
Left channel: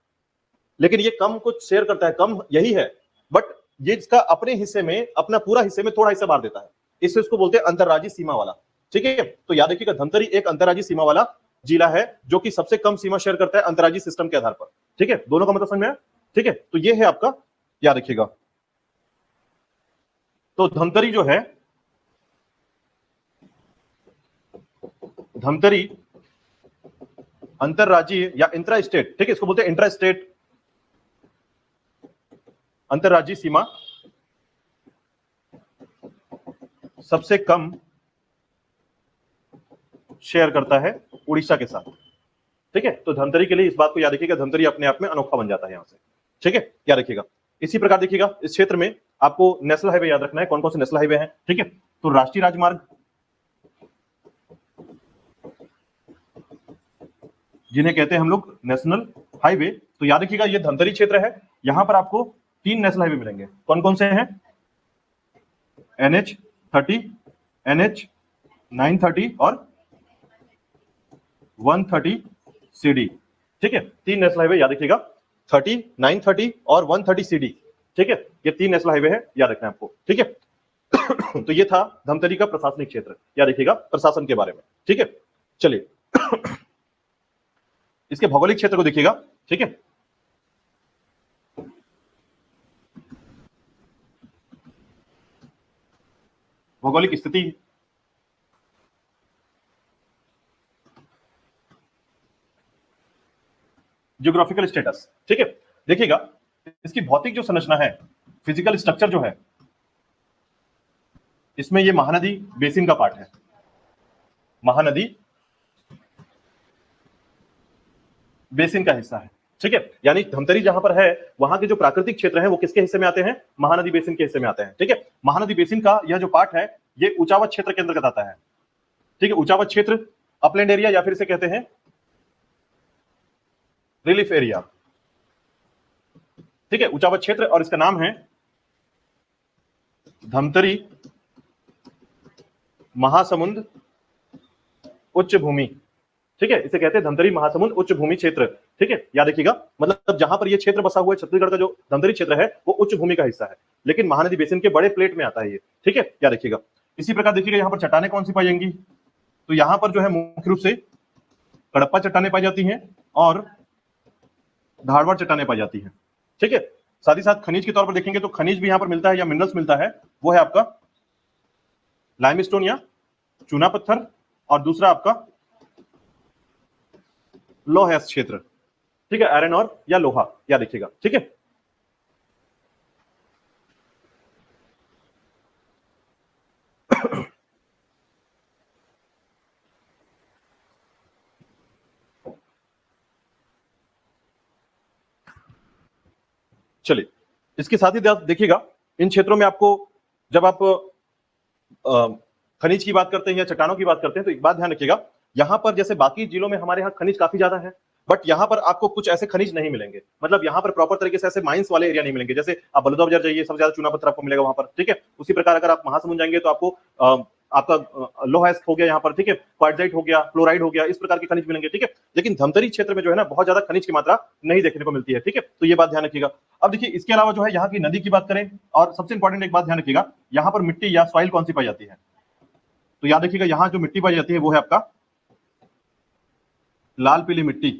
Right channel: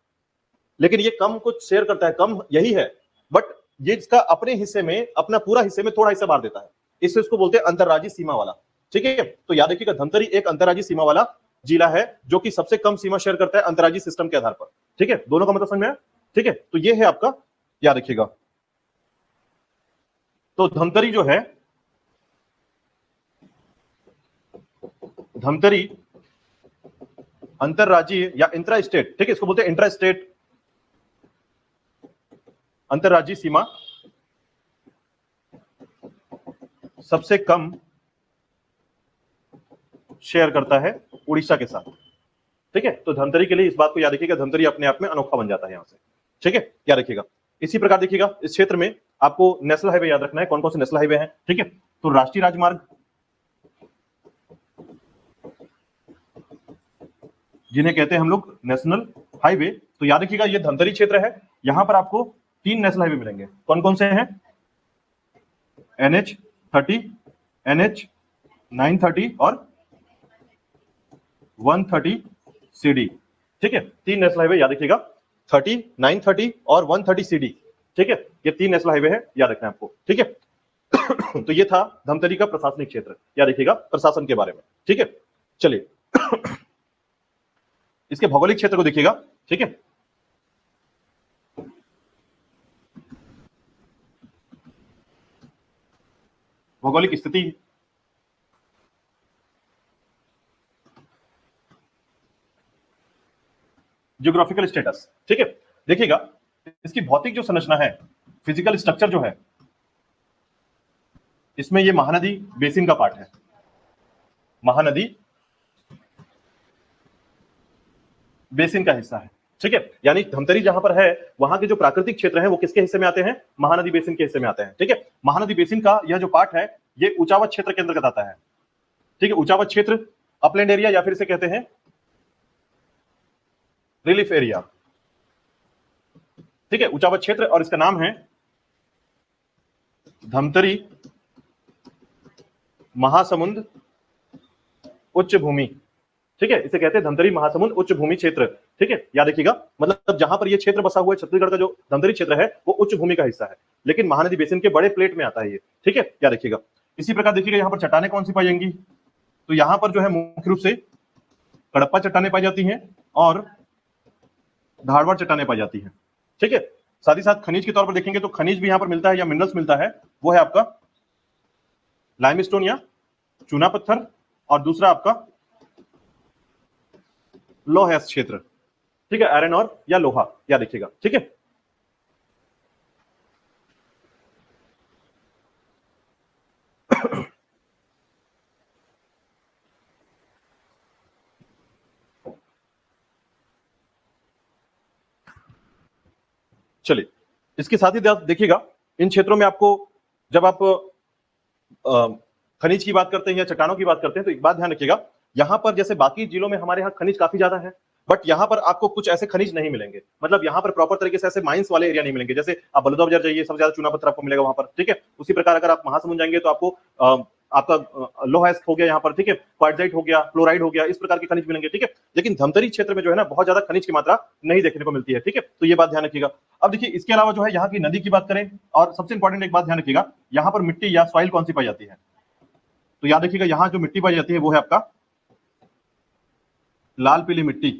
लेकिन ये कम कुछ शेयर करता है, कम यही है, बट ये इसका अपने हिस्से में, अपना पूरा हिस्से में थोड़ा हिस्सा बाहर देता है, इससे इसको बोलते हैं अंतर्राज्यीय सीमा वाला। ठीक है, तो याद रखिएगा धमतरी एक अंतर्राज्यीय सीमा वाला जिला है जो कि सबसे कम सीमा शेयर करता है अंतर्राज्यीय सिस्टम के आधार पर। ठीक है, दोनों का मतलब समझ में आया? ठीक है, तो ये है आपका, याद रखिएगा। तो धमतरी जो है, धमतरी अंतर्राज्यीय या इंट्रा स्टेट, ठीक है, इसको बोलते हैं इंट्रा स्टेट अंतर्राज्यीय सीमा सबसे कम शेयर करता है उड़ीसा के साथ। ठीक है, तो धमतरी के लिए इस बात को याद रखिएगा, धमतरी अपने आप में अनोखा बन जाता है यहां से। ठीक है, याद रखिएगा। इसी प्रकार देखिएगा इस क्षेत्र में आपको नेशनल हाईवे याद रखना है, कौन कौन से नेशनल हाईवे हैं। ठीक है, तो राष्ट्रीय राजमार्ग जिन्हें कहते हैं हम लोग नेशनल हाईवे, तो याद रखिएगा ये धमतरी क्षेत्र है, यहां पर आपको 3 नेशनल हाईवे मिलेंगे। कौन कौन से हैं? NH30, NH930 और 130CD। ठीक है, 3 नेशनल हाईवे याद रखिएगा, 30, 930 और 130CD। ठीक है, ये 3 नेशनल हाईवे है, याद रखना है आपको। ठीक है, तो ये था धमतरी का प्रशासनिक क्षेत्र, याद रखिएगा प्रशासन के बारे में। ठीक है, चलिए इसके भौगोलिक क्षेत्र को देखिएगा। ठीक है, भौगोलिक स्थिति, जियोग्राफिकल स्टेटस। ठीक है, देखिएगा इसकी भौतिक जो संरचना है, फिजिकल स्ट्रक्चर जो है, इसमें ये महानदी बेसिन का पार्ट है, महानदी बेसिन का हिस्सा है। ठीक है, यानी धमतरी जहां पर है वहां के जो प्राकृतिक क्षेत्र हैं वो किसके हिस्से में आते हैं? महानदी बेसिन के हिस्से में आते हैं। ठीक है, महानदी बेसिन का यह जो पार्ट है ये ऊंचावत क्षेत्र के अंतर्गत आता है। ठीक है, ऊंचावत क्षेत्र, अपलैंड एरिया या फिर इसे कहते हैं रिलीफ एरिया। ठीक है, ऊंचावत क्षेत्र, और इसका नाम है धमतरी महासमुंद उच्च भूमि। ठीक है, इसे कहते हैं धमतरी महासमुंद उच्च भूमि क्षेत्र। ठीक है, याद रखिएगा, मतलब जहां पर ये क्षेत्र बसा हुआ है, छत्तीसगढ़ का जो धमतरी क्षेत्र है वो उच्च भूमि का हिस्सा है, लेकिन महानदी बेसिन के बड़े प्लेट में आता है ये। ठीक है, याद रखिएगा। इसी प्रकार देखिएगा यहाँ पर चट्टाने कौन सी पाई जाएंगी, तो यहाँ पर जो है मुख्य रूप से कड़प्पा चट्टाने पाई जाती हैं और धारवाड़ चट्टाने पाई जाती हैं। ठीक है, साथ ही साथ खनिज के तौर पर देखेंगे तो खनिज भी यहाँ पर मिलता है या मिनरल्स मिलता है, वो है आपका लाइमस्टोन या चूना पत्थर, और दूसरा आपका लोहा क्षेत्र। ठीक है, आयरन और या लोहा, या देखिएगा। ठीक है, चलिए इसके साथ ही देखिएगा इन क्षेत्रों में आपको, जब आप खनिज की बात करते हैं या चट्टानों की बात करते हैं, तो एक बात ध्यान रखिएगा, यहां पर जैसे बाकी जिलों में हमारे यहाँ खनिज काफी ज्यादा है, बट यहाँ पर आपको कुछ ऐसे खनिज नहीं मिलेंगे, मतलब यहाँ पर प्रॉपर तरीके से ऐसे माइंस वाले एरिया नहीं मिलेंगे। जैसे आप बलौदा बाजार जाइए, सबसे ज्यादा चूना पत्थर आपको मिलेगा वहां पर। ठीक है, उसी प्रकार अगर आप महासमुंद जाएंगे तो आपको आपका लोहा हो गया यहाँ पर। ठीक है, क्वार्टजाइट हो गया, क्लोराइड हो गया, इस प्रकार के खनिज मिलेंगे। ठीक है, लेकिन धमतरी क्षेत्र में जो है ना बहुत ज्यादा खनिज की मात्रा नहीं देखने को मिलती है। ठीक है, तो ये बात ध्यान रखिएगा। अब देखिए इसके अलावा जो है यहाँ की नदी की बात करें, और सबसे इंपॉर्टेंट एक बात ध्यान रखिएगा, यहाँ पर मिट्टी या सॉइल कौन सी पाई जाती है, तो याद रखिएगा यहाँ जो मिट्टी पाई जाती है वो है आपका लाल पीली मिट्टी,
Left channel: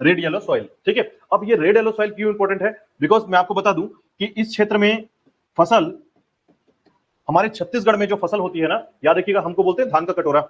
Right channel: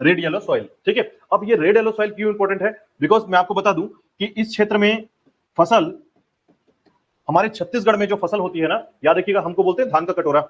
रेड येलो सॉइल। ठीक है, अब ये रेड येलो सॉइल क्यों इंपॉर्टेंट है? बिकॉज मैं आपको बता दूं कि इस क्षेत्र में फसल, हमारे छत्तीसगढ़ में जो फसल होती है ना, याद रखिएगा हमको बोलते हैं धान का कटोरा।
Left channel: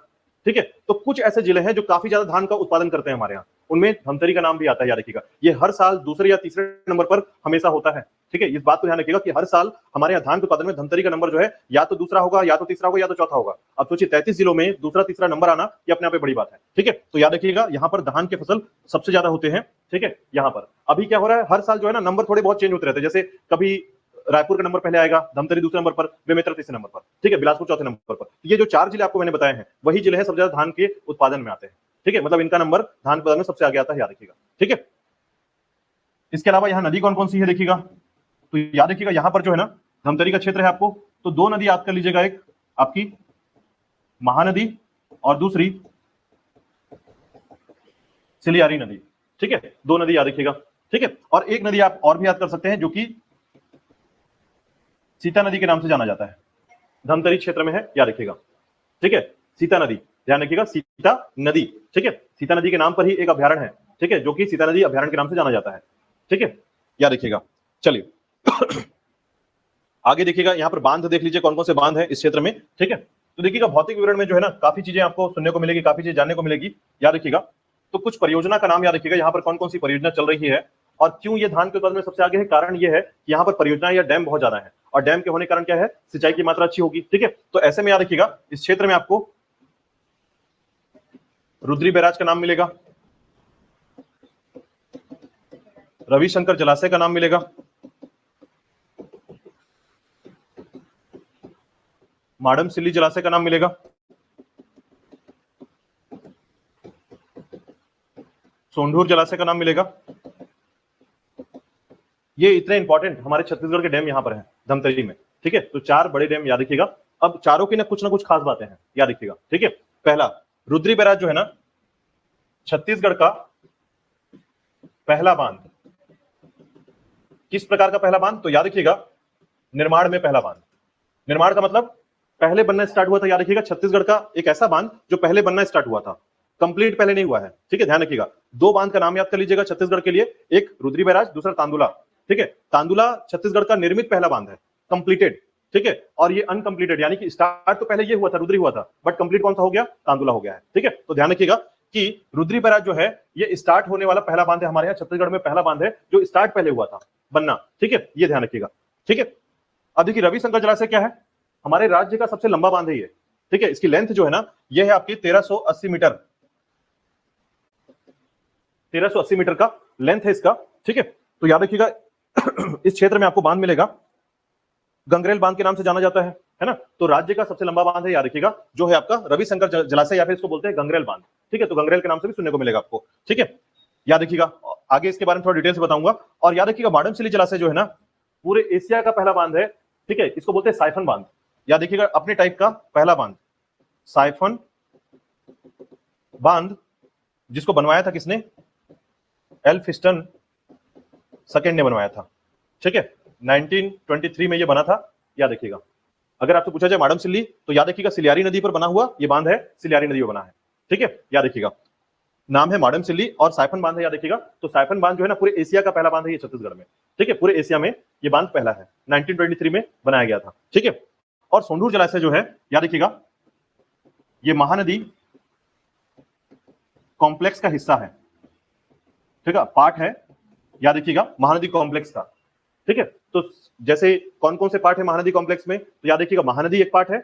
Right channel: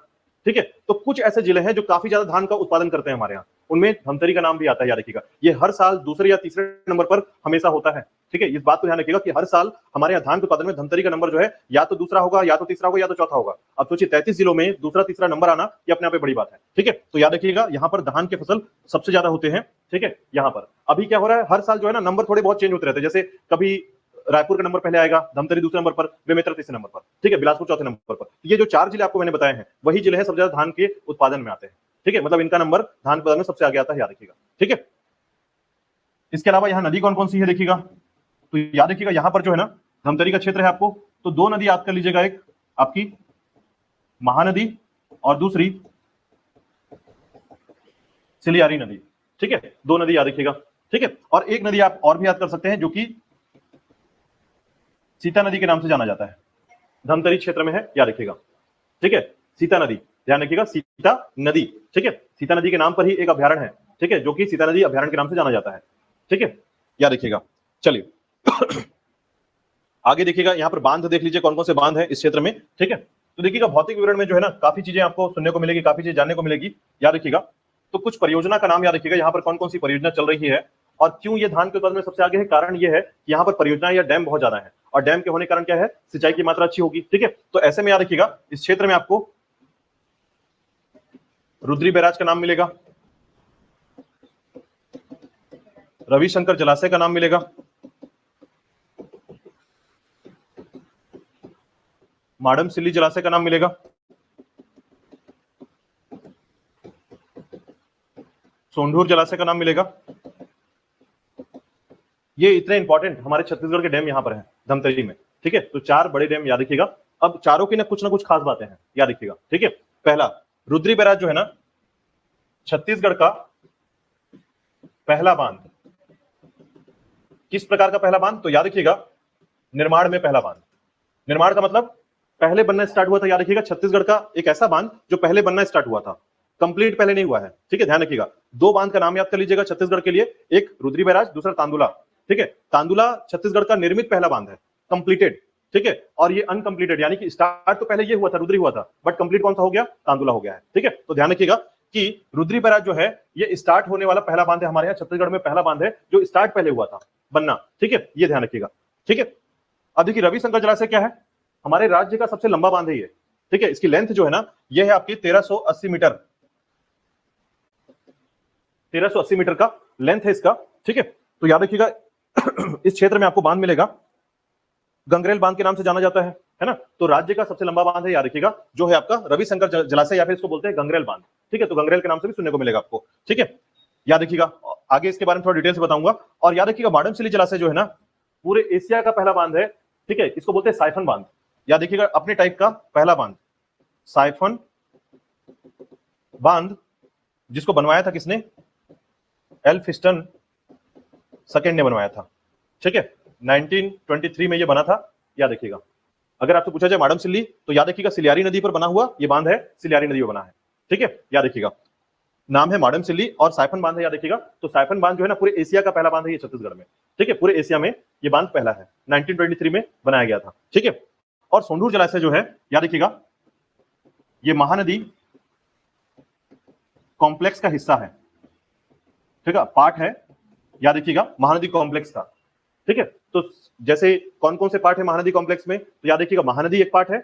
ठीक है, तो कुछ ऐसे जिले हैं जो काफी ज्यादा धान का उत्पादन करते हैं हमारे यहाँ, उनमें धमतरी का नाम भी आता है। याद रखिएगा, ये हर साल दूसरे या तीसरे नंबर पर हमेशा होता है। ठीक है, इस बात को ध्यान रखिएगा कि हर साल हमारे यहाँ धान के उत्पादन में धमतरी का नंबर जो है या तो दूसरा होगा, या तो तीसरा होगा, या तो चौथा होगा। अब सोचिए 33 जिलों में दूसरा तीसरा नंबर आना, ये अपने आप में बड़ी बात है। ठीक है, तो याद रखिएगा यहाँ पर धान के फसल सबसे ज्यादा होते हैं। ठीक है, यहाँ पर अभी क्या हो रहा है, हर साल जो है ना नंबर थोड़े बहुत चेंज होते रहते हैं, जैसे कभी रायपुर का नंबर पहले आएगा, धमतरी दूसरे नंबर पर, बेमेतरा तीसरे नंबर पर। ठीक है, बिलासपुर चौथे नंबर पर। ये जो 4 जिले आपको मैंने बताए हैं वही जिले हैं सबसे ज्यादा धान के उत्पादन में आते हैं। ठीक है, मतलब इनका नंबर धान उत्पादन में सबसे आगे आता है, याद रखिएगा। ठीक है, इसके अलावा यहाँ नदी कौन कौन सी है देखिएगा, तो याद रखिएगा यहाँ पर जो है ना धमतरी का क्षेत्र है आपको, तो 2 नदी याद कर लीजिएगा, एक आपकी महानदी और दूसरी सिलियारी नदी। ठीक है, 2 नदी याद रखिएगा। ठीक है, और एक नदी आप और भी याद कर सकते हैं जो कि सीता नदी के नाम से जाना जाता है, धमतरी क्षेत्र में है, याद रखिएगा। ठीक है, सीता नदी, ध्यान रखिएगा, सीता नदी, ठीक है। सीता नदी के नाम पर ही एक अभ्यारण्य है, ठीक है, जो कि सीता नदी अभ्यारण्य के नाम से जाना जाता है, ठीक है, याद रखिएगा। चलिए आगे देखिएगा, यहाँ पर बांध देख लीजिए कौन कौन से बांध है इस क्षेत्र में, ठीक है। तो देखिएगा भौतिक विवरण में जो है ना काफी चीजें आपको सुनने को मिलेगी, काफी चीजें जानने को मिलेगी, याद रखिएगा। तो कुछ परियोजना का नाम याद रखिएगा, यहाँ पर कौन कौन सी परियोजना चल रही है और क्यों ये धान के उत्पादन में सबसे आगे है। कारण ये है कि यहाँ पर परियोजना या डैम बहुत ज्यादा है, और डैम के होने के कारण क्या है, सिंचाई की मात्रा अच्छी होगी, ठीक है। तो ऐसे में याद रखिएगा इस क्षेत्र में आपको रुद्री बैराज का नाम मिलेगा, रविशंकर जलाशय का नाम मिलेगा, माडमसिल्ली जलाशय का नाम मिलेगा, सोंढूर जलाशय का नाम मिलेगा। ये इतने इंपॉर्टेंट हमारे छत्तीसगढ़ के डैम यहाँ पर हैं धमतरी में, ठीक है। तो 4 बड़े डैम याद रखिएगा। अब चारों की ना कुछ खास बातें हैं, याद रखिएगा, ठीक है। पहला, रुद्री बैराज जो है ना छत्तीसगढ़ का पहला बांध। किस प्रकार का पहला बांध, तो याद रखिएगा निर्माण में पहला बांध। निर्माण का मतलब पहले बनना स्टार्ट हुआ था, याद रखिएगा छत्तीसगढ़ का एक ऐसा बांध जो पहले बनना स्टार्ट हुआ था, कंप्लीट पहले नहीं हुआ है, ठीक है, ध्यान रखिएगा। 2 बांध का नाम याद कर लीजिएगा छत्तीसगढ़ के लिए, एक रुद्री बैराज, दूसरा तांदुला, ठीक है। तांदुला छत्तीसगढ़ का निर्मित पहला बांध है, कंप्लीटेड, ठीक है। और ये अनकंप्लीटेड, यानी कि स्टार्ट तो पहले ये हुआ था, रुद्री हुआ था, बट कंप्लीट कौन सा हो गया, तांदुला हो गया है, ठीक है। तो ध्यान रखिएगा कि रुद्री बैराज जो है ये स्टार्ट होने वाला पहला बांध है, हमारे यहाँ छत्तीसगढ़ में पहला बांध है जो स्टार्ट पहले हुआ था बनना, ठीक है, ये ध्यान रखिएगा, ठीक है। अब देखिए रविशंकर जलाशय क्या है, हमारे राज्य का सबसे लंबा बांध है ये, ठीक है। इसकी लेंथ जो है ना ये है आपकी 1380 मीटर, 1380 मीटर का लेंथ है इसका, ठीक है। तो याद रखिएगा इस क्षेत्र में आपको बांध मिलेगा, गंगरेल बांध के नाम से जाना जाता है ना। तो राज्य का सबसे लंबा बांध है, याद रखिएगा, जो है आपका रविशंकर जलाशय, या फिर इसको बोलते हैं गंगरेल बांध, ठीक है। तो गंगरेल के नाम से भी सुनने को मिलेगा आपको, ठीक है, याद रखिएगा। आगे इसके बारे में थोड़ा डिटेल से बताऊंगा। और याद रखिएगा माडमसिल्ली जलाशय जो है ना पूरे एशिया का पहला बांध है, ठीक है। इसको बोलते हैं साइफन बांध, याद रखिएगा, अपने टाइप का पहला बांध, साइफन बांध, जिसको बनवाया था किसने, एल्फिस्टन सेकंड ने बनवाया था, ठीक है। 1923 में ये बना था, याद रखिएगा। अगर आपसे पूछा जाए माडमसिल्ली तो याद रखिएगा सिलियारी नदी पर बना हुआ ये बांध है, सिलियारी नदी पर बना है, ठीक है, याद रखिएगा। नाम है माडमसिल्ली और साइफन बांध है, याद रखिएगा। तो साइफन बांध जो है ना पूरे एशिया का पहला बांध है ये छत्तीसगढ़ में, ठीक है, पूरे एशिया में ये बांध पहला है, 1923 में बनाया गया था, ठीक है। और सोंढूर जलाशय जो है, याद रखिएगा, ये महानदी कॉम्प्लेक्स का हिस्सा है, ठीक है, पार्ट है, याद रखिएगा, महानदी कॉम्प्लेक्स का, ठीक है। तो जैसे कौन कौन से पार्ट है महानदी कॉम्प्लेक्स में, तो याद रखिएगा महानदी एक पार्ट है,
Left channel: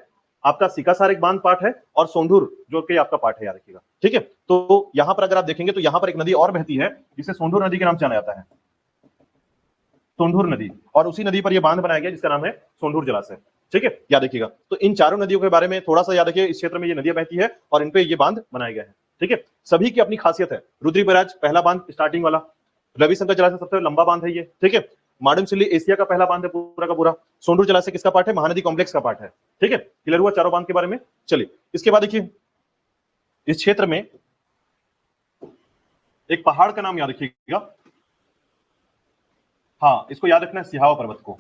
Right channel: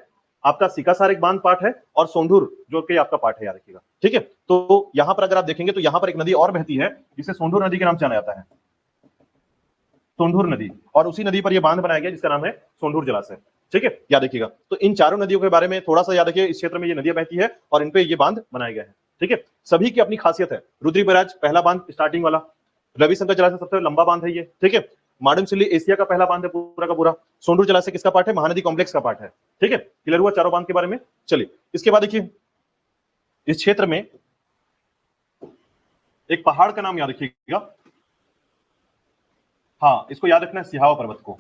आपका सीकासार एक बांध पार्ट है, और सोंढूर जो कि आपका पार्ट है, याद रखिएगा, ठीक है। तो यहां पर अगर आप देखेंगे तो यहां पर एक नदी और बहती है जिसे सोंढूर नदी के नाम से जाना जाता है, सोंढूर नदी, और उसी नदी पर यह बांध बनाया गया जिसका नाम है सोंढूर जलाशय, ठीक है, याद रखिएगा। तो इन चारों नदियों के बारे में थोड़ा सा याद रखिए, इस क्षेत्र में ये नदियां बहती है और इन पे ये बांध बनाए गए हैं, ठीक है। सभी की अपनी खासियत है, रुद्री बैराज पहला बांध स्टार्टिंग वाला, रविशंकर जलाशय सबसे लंबा बांध है ये, ठीक है। माडमसिल्ली एशिया का पहला बांध है पूरा का पूरा, सोंढूर जलाशय किसका पार्ट है, महानदी कॉम्प्लेक्स का पार्ट है, ठीक है। क्लियर हुआ चारों बांध के बारे में। चलिए इसके बाद देखिए इस क्षेत्र में एक पहाड़ का नाम याद रखिएगा, हाँ इसको याद रखना है, सिहावा पर्वत को,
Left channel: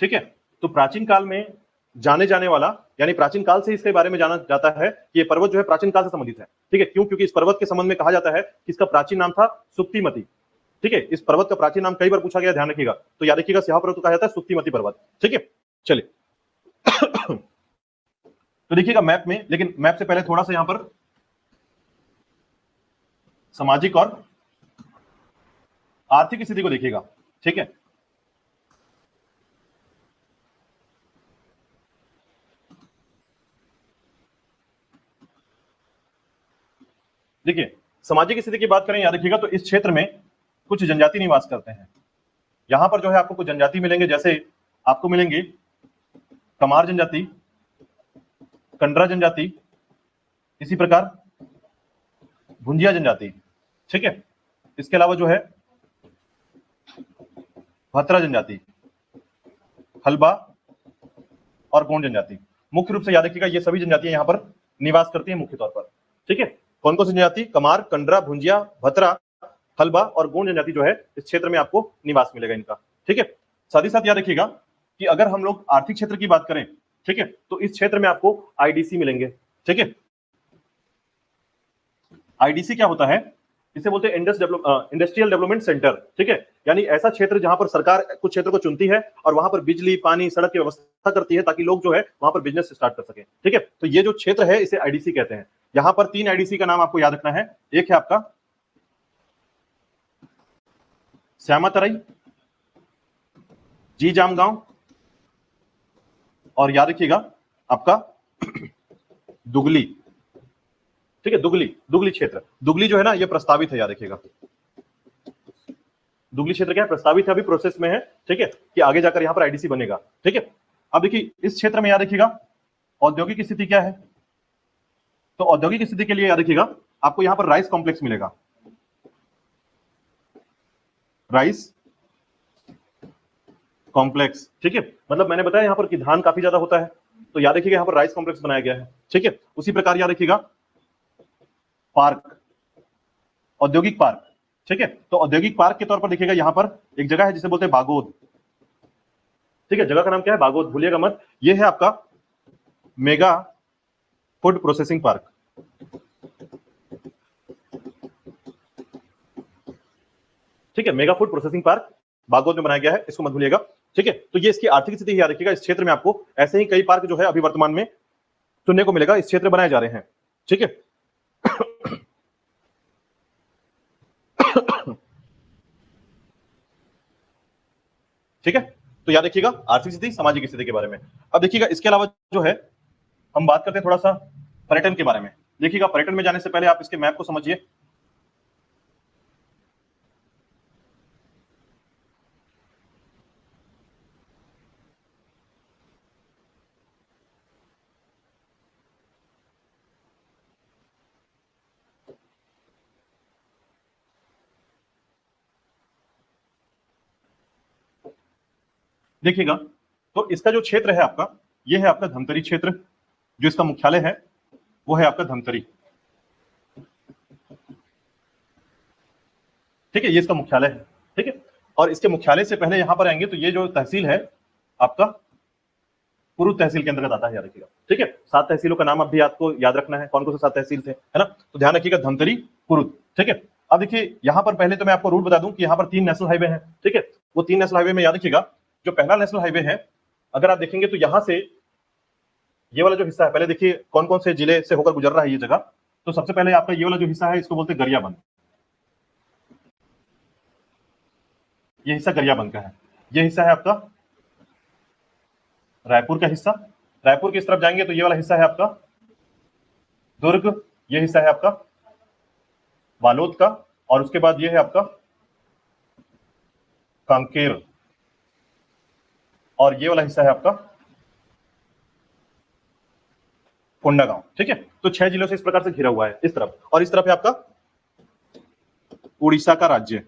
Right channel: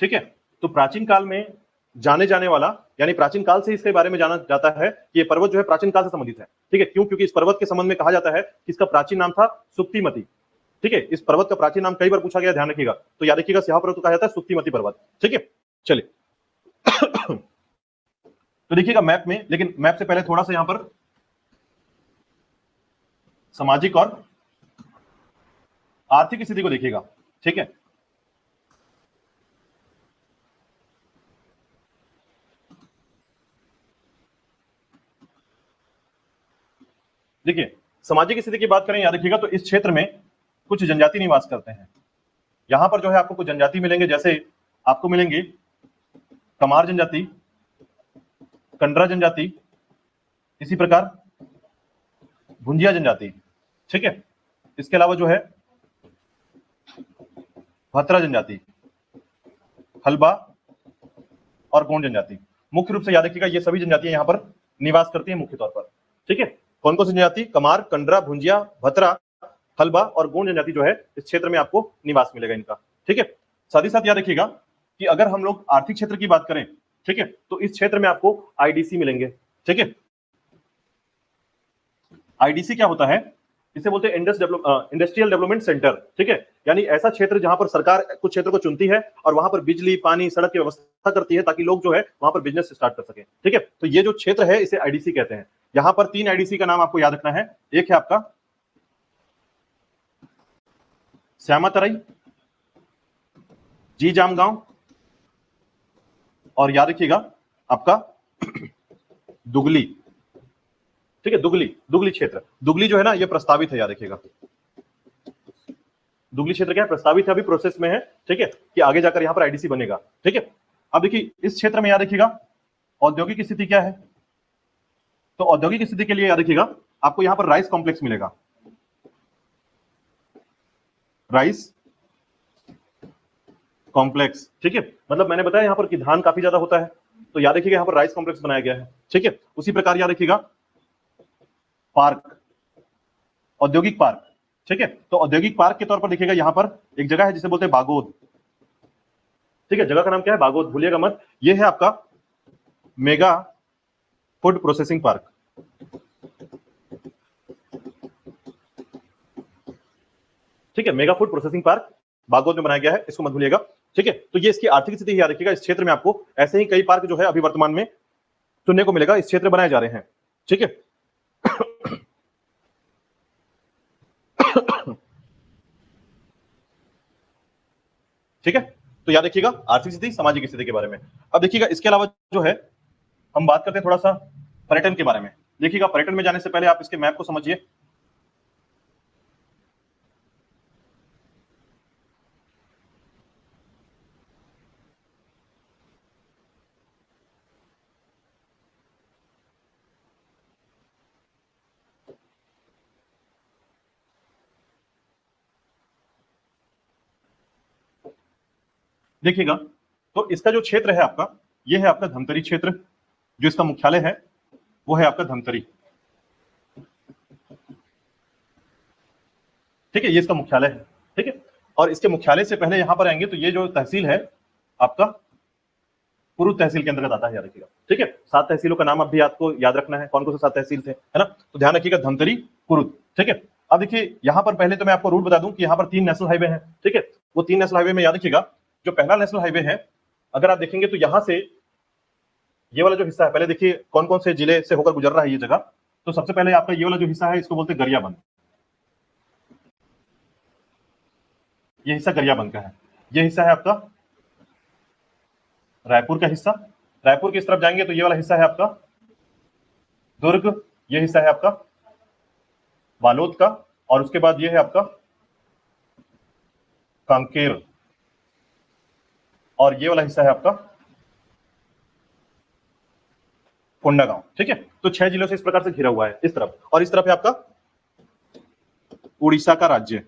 ठीक है। तो प्राचीन काल में जाने जाने वाला, यानी प्राचीन काल से इसके बारे में जाना जाता है कि ये पर्वत जो है प्राचीन काल से संबंधित है, ठीक है। क्यों, क्योंकि इस पर्वत के संबंध में कहा जाता है कि इसका प्राचीन नाम था सुक्तिमती, ठीक है। इस पर्वत का प्राचीन नाम कई बार पूछा गया, ध्यान रखिएगा। तो याद रखिएगा सिहावा पर्वत को कहा जाता है सुक्तिमती पर्वत, ठीक है। चलिए तो देखिएगा मैप में, लेकिन मैप से पहले थोड़ा सा यहां पर सामाजिक और आर्थिक स्थिति को देखिएगा, ठीक है। देखिए सामाजिक स्थिति की बात करें, याद रखिएगा, तो इस क्षेत्र में कुछ जनजाति निवास करते हैं। यहां पर जो है आपको कुछ जनजाति मिलेंगे, जैसे आपको मिलेंगे कमार जनजाति, कंडरा जनजाति, इसी प्रकार भुंजिया जनजाति, ठीक है। इसके अलावा जो है भतरा जनजाति, हलबा और गोंड जनजाति। मुख्य रूप से याद रखिएगा ये सभी जनजातियां यहाँ पर निवास करती हैं, ठीक है। कौन कौन सी जनजाति, कमार, कंडरा, भुंजिया, भतरा, हलबा और गोंड जनजाति जो है इस क्षेत्र में आपको निवास मिलेगा इनका, ठीक है। साथ ही साथ याद रखिएगा कि अगर हम लोग आर्थिक क्षेत्र की बात करें ठीक है। तो इस क्षेत्र में आपको आईडीसी मिलेंगे, ठीक है। आईडीसी क्या होता है, इसे बोलते हैं इंडस्ट्रियल डेवलपमेंट सेंटर, ठीक है। यानी ऐसा क्षेत्र जहां पर सरकार कुछ क्षेत्र को चुनती है और वहां पर बिजली, पानी, सड़क की व्यवस्था करती है ताकि लोग जो है वहां पर बिजनेस स्टार्ट कर सके, ठीक है। तो ये जो क्षेत्र है इसे आईडीसी कहते हैं। यहां पर 3 आईडीसी का नाम आपको याद रखना है। एक है आपका श्यामातरई, जी जामगांव, और याद रखिएगा आपका दुगली, ठीक है। दुगली क्षेत्र, दुगली जो है ना ये प्रस्तावित है, याद रखिएगा। दुगली क्षेत्र क्या है, प्रस्तावित है, अभी प्रोसेस में है, ठीक है, कि आगे जाकर यहां पर आईडीसी बनेगा, ठीक है। अब देखिए इस क्षेत्र में याद रखिएगा औद्योगिक स्थिति क्या है। तो औद्योगिक स्थिति के लिए याद रखिएगा आपको यहां पर राइस कॉम्प्लेक्स मिलेगा, राइस कॉम्प्लेक्स, ठीक है। मतलब मैंने बताया यहां पर कि धान काफी ज्यादा होता है, तो याद रखिएगा यहां पर राइस कॉम्प्लेक्स बनाया गया है, ठीक है। उसी प्रकार याद रखिएगा पार्क, औद्योगिक पार्क, ठीक है। तो औद्योगिक पार्क के तौर पर देखिएगा यहां पर एक जगह है जिसे बोलते हैं बागोद, ठीक है। जगह का नाम क्या है, बागोद, भूलिएगा मत। ये है आपका मेगा फूड प्रोसेसिंग पार्क, ठीक है। Mega food processing park Bagod में बनाया गया है, इसको मत भूलिएगा, ठीक है। तो ये इसकी आर्थिक स्थिति याद रखिएगा। इस क्षेत्र में आपको ऐसे ही कई पार्क जो है अभी वर्तमान में सुनने को मिलेगा, इस क्षेत्र बनाए जा रहे हैं, ठीक है। ठीक है। तो याद रखिएगा आर्थिक स्थिति, सामाजिक स्थिति के बारे में। अब देखिएगा इसके अलावा जो है हम बात करते हैं थोड़ा सा पर्यटन के बारे में। देखिएगा पर्यटन में जाने से पहले आप इसके मैप को समझिए। देखिएगा तो इसका जो क्षेत्र है आपका, ये है आपका धमतरी क्षेत्र, जो इसका मुख्यालय है वो है आपका धमतरी, ठीक है। ये इसका मुख्यालय है, ठीक है। और इसके मुख्यालय से पहले यहां पर आएंगे तो ये जो तहसील है आपका कुरुद तहसील के अंतर्गत आता है, याद रखिएगा, ठीक है। 7 तहसीलों का नाम अब भी आपको याद रखना है, कौन कौन से 7 तहसील थे, है ना। तो ध्यान रखिएगा धमतरी, कुरुद, ठीक है। अब देखिए यहां पर पहले तो मैं आपको रूट बता दूं कि यहां पर 3 नेशनल हाईवे हैं, ठीक है। वो 3 नेशनल हाईवे में याद रखिएगा जो पहला नेशनल हाईवे है, अगर आप देखेंगे तो यहां से ये वाला जो हिस्सा है, पहले देखिए कौन कौन से जिले से होकर गुजर रहा है ये जगह। तो सबसे पहले आपका ये वाला जो हिस्सा है इसको बोलते हैं गरियाबंद, ये हिस्सा गरियाबंद का है। ये हिस्सा है आपका रायपुर का हिस्सा, रायपुर की इस तरफ जाएंगे तो ये वाला हिस्सा है आपका दुर्ग, ये हिस्सा है आपका बालोद का, और उसके बाद ये है आपका कांकेर, और ये वाला हिस्सा है आपका कोंडागांव, ठीक है। तो 6 जिलों से इस प्रकार से घिरा हुआ है इस तरफ, और इस तरफ है आपका उड़ीसा का राज्य,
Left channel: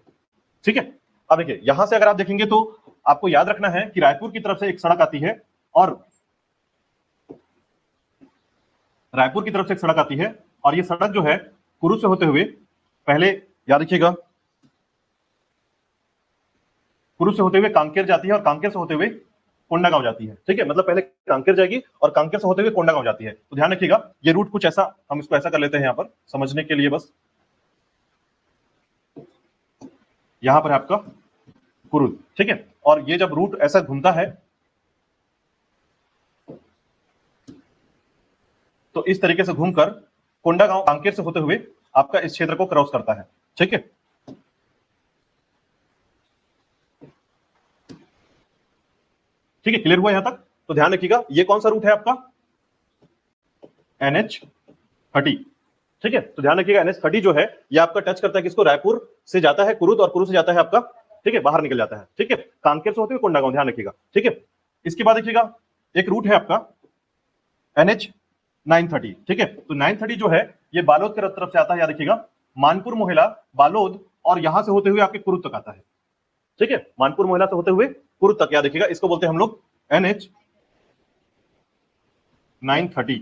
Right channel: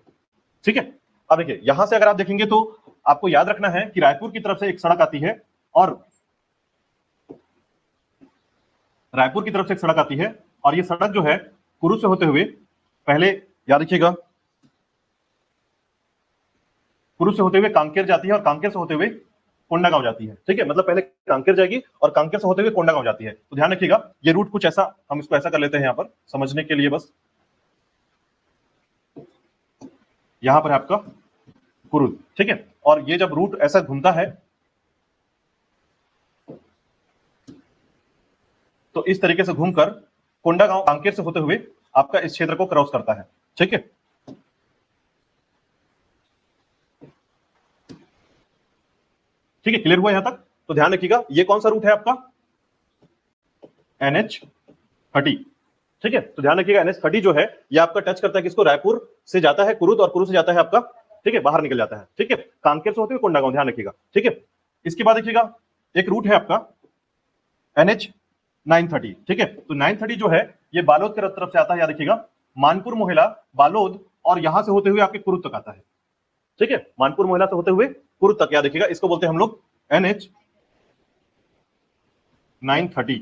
ठीक है। अब देखिए यहां से अगर आप देखेंगे तो आपको याद रखना है कि रायपुर की तरफ से एक सड़क आती है, और रायपुर की तरफ से एक सड़क आती है, और ये सड़क जो है कुरुद से होते हुए, पहले याद रखिएगा कुरुद से होते हुए कांकेर जाती है, और कांकेर से होते हुए कोंडागांव जाती है, ठीक है। मतलब पहले कांकेर जाएगी और कांकेर से होते हुए कोंडागांव जाती है। तो ध्यान रखिएगा ये रूट कुछ ऐसा, हम इसको ऐसा कर लेते हैं यहां पर समझने के लिए, बस यहां पर आपका कुरुद, ठीक है। और ये जब रूट ऐसा घूमता है तो इस तरीके से घूमकर कोंडागांव कांकेर से होते हुए आपका इस क्षेत्र को क्रॉस करता है, ठीक है। ठीक है, क्लियर हुआ यहां तक। तो ध्यान रखिएगा ये कौन सा रूट है आपका, NH30, ठीक है। तो ध्यान रखिएगा NH30 जो है ये आपका टच करता है किसको, रायपुर से जाता है कुरुद, और कुरुद से जाता है आपका, ठीक है, बाहर निकल जाता है, ठीक है, कांकेर से होते हुए कोंडागांव, ध्यान रखिएगा, ठीक है। इसके बाद देखिएगा एक रूट है आपका NH930, ठीक है। तो 930 जो है ये बालोद की तरफ से आता है, याद रखिएगा, मानपुर मोहला, बालोद, और यहां से होते हुए आपके कुरुद तक आता है, ठीक है। मानपुर मोहला से होते हुए कुरुद तक, याद रखिएगा, इसको बोलते हैं हम लोग NH930,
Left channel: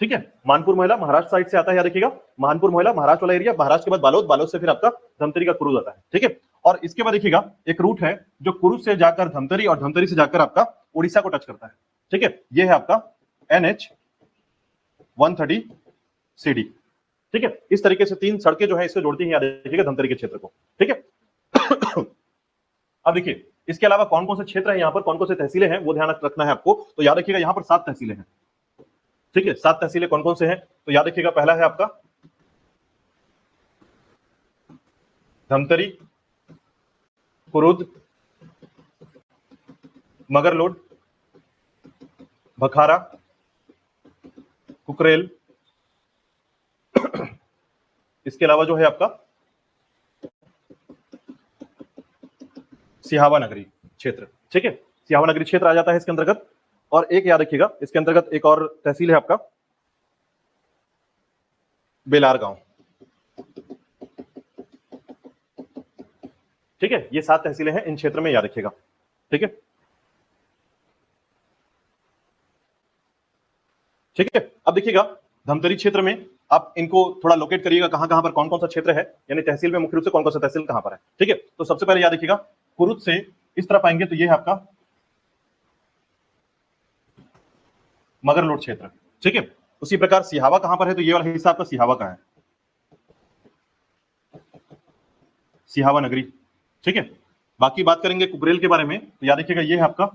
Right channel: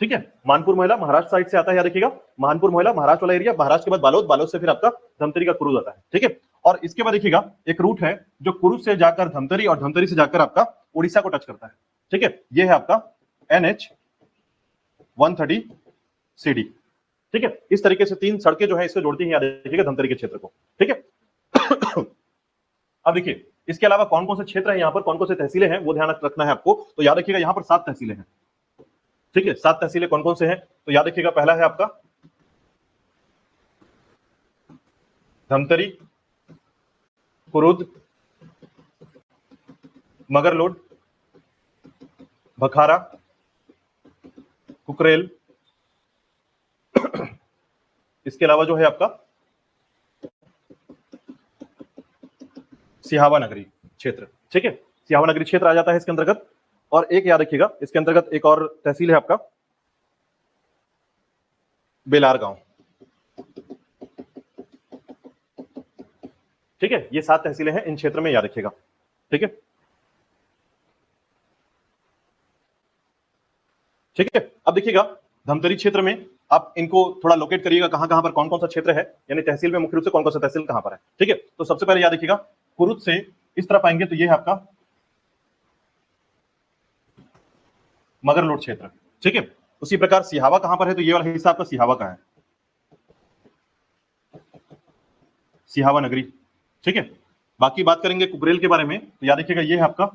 ठीक है। मानपुर मोहला महाराष्ट्र साइड से आता है, याद रखिएगा, मानपुर मोहला महाराष्ट्र वाला एरिया, महाराष्ट्र के बाद बालोद, बालोद से फिर आपका धमतरी का कुरुद आता है, ठीक है। और इसके बाद देखिएगा एक रूट है जो कुरुद से जाकर धमतरी, और धमतरी से जाकर आपका उड़ीसा को टच करता है, ठीक है, ये है आपका NH-130CD, ठीक है। इस तरीके से 3 सड़कें जो है इससे जोड़ती हैं, देखिएगा धमतरी के क्षेत्र को, ठीक है। अब देखिए इसके अलावा कौन कौन से क्षेत्र है यहाँ पर, कौन कौन से तहसीलें हैं, वो ध्यान रखना है आपको। तो याद रखिएगा यहाँ पर 7 तहसीलें हैं, ठीक है। 7 तहसीलें कौन कौन से हैं, तो याद रखिएगा पहला है आपका धमतरी, कुरुद, मगरलोड, भखारा, कुकरेल, इसके अलावा जो है आपका सिहावा नगरी क्षेत्र, ठीक है। सिहावा नगरी क्षेत्र आ जाता है इसके अंतर्गत। और एक याद रखिएगा इसके अंतर्गत एक और तहसील है आपका बेलार गांव, ठीक है। ये 7 तहसीलें हैं इन क्षेत्र में, याद रखिएगा, ठीक है। ठीक है, अब देखिएगा धमतरी क्षेत्र में आप इनको थोड़ा लोकेट करिएगा, कहां कहां पर कौन कौन सा क्षेत्र है, यानी तहसील में मुख्य कौन कौन सी तहसील है, ठीक है। सबसे पहले याद रखिएगा कुरुद से इस तरफ आएंगे तो ये है आपका मगरलोड क्षेत्र, ठीक है। उसी प्रकार सिहावा कहां पर है, तो ये वाला हिस्सा आपका सिहावा का है, सिहावा नगरी, ठीक है। बाकी बात करेंगे कुकरेल के बारे में, तो याद रखिएगा ये है आपका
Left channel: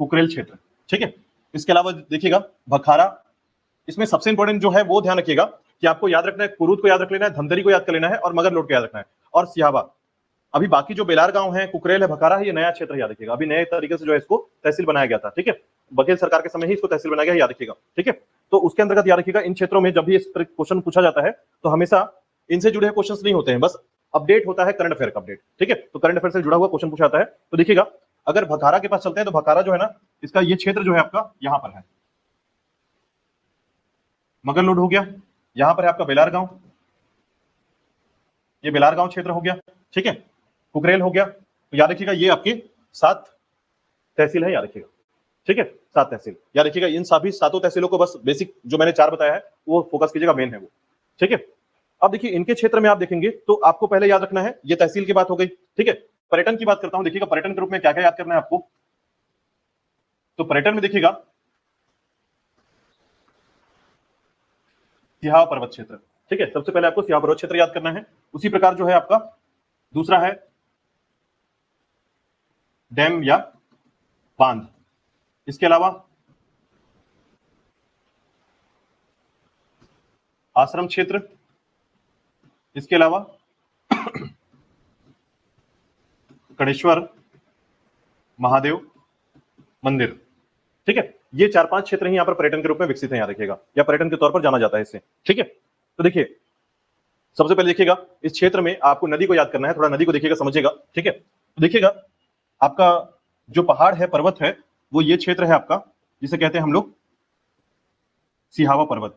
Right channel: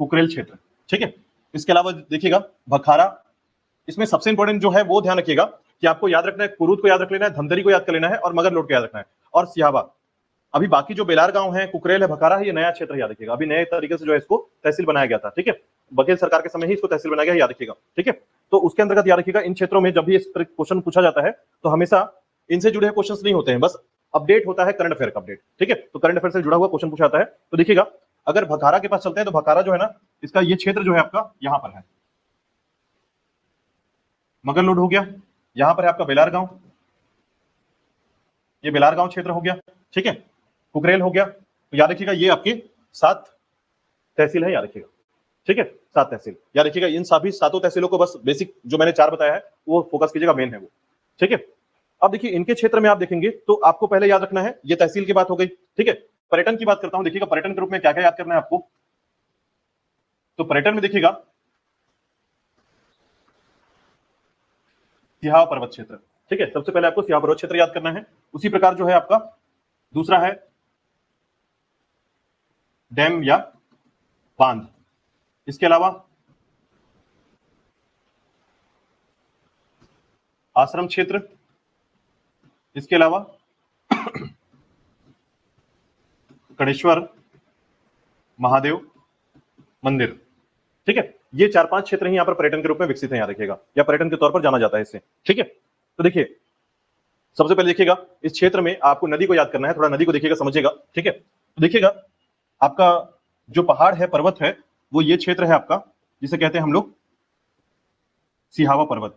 कुकरेल क्षेत्र, ठीक है। इसके अलावा देखिएगा भखारा, इसमें सबसे इंपॉर्टेंट जो है वो ध्यान रखिएगा कि आपको याद रखना है, कुरुद को याद रख लेना है, धमतरी को याद कर लेना है और मगरलोड को याद रखना है, और सिहावा। अभी बाकी जो बेलार गांव है, कुकरेल है, भखारा है, ये नया क्षेत्र याद रखिएगा, अभी नए तरीके से जो है इसको तहसील बनाया गया था, ठीक है। बघेल सरकार के समय ही इसको तहसील बनाया गया, याद रखिएगा, ठीक है। तो उसके अंतर्गत याद रखिएगा इन क्षेत्रों में जब भी इस तरह क्वेश्चन पूछा जाता है तो हमेशा इनसे जुड़े क्वेश्चन नहीं होते हैं, बस अपडेट होता है करंट अफेयर का अपडेट, ठीक है। तो करंट अफेयर से जुड़ा हुआ क्वेश्चन पूछा जाता है। तो देखिएगा अगर भखारा के पास चलते हैं तो भखारा जो है ना, इसका ये क्षेत्र जो है आपका यहां पर है, मगरलोड हो गया, यहां पर है आपका बेलार गांव, ये बेलार गांव क्षेत्र हो गया, ठीक है। कुकरेल हो गया। तो याद रखिएगा ये आपके 7 तहसील है, याद रखिएगा, ठीक है। 7 तहसील याद रखिएगा, इन सभी 7 तहसीलों को बस बेसिक जो मैंने 4 बताया है वो फोकस कीजिएगा, मेन है वो, ठीक है। अब देखिए इनके क्षेत्र में आप देखेंगे तो आपको पहले याद रखना है, ये तहसील की बात हो गई, ठीक है। पर्यटन की बात करता हूं, देखिएगा पर्यटन के रूप में क्या क्या याद करना है आपको। तो पर्यटन में देखिएगा सिहावा पर्वत क्षेत्र, ठीक है। सबसे पहले आपको सिहावा पर्वत क्षेत्र याद करना है। उसी प्रकार जो है आपका दूसरा है डैम या बांध, इसके अलावा आश्रम क्षेत्र, इसके अलावा कणेश्वर महादेव मंदिर, ठीक है। ये 4-5 क्षेत्र हैं यहाँ पर पर्यटन के रूप में विकसित है, याद रखिएगा, या पर्यटन के तौर पर जाना जाता है इससे, ठीक है। तो देखिए सबसे पहले देखिएगा इस क्षेत्र में आपको नदी को याद करना है, थोड़ा नदी को देखिएगा समझिएगा, ठीक है। तो देखिएगा आपका जो पहाड़ है, पर्वत है, वो ये क्षेत्र है आपका जिसे कहते हैं हम लोग सिहावा पर्वत,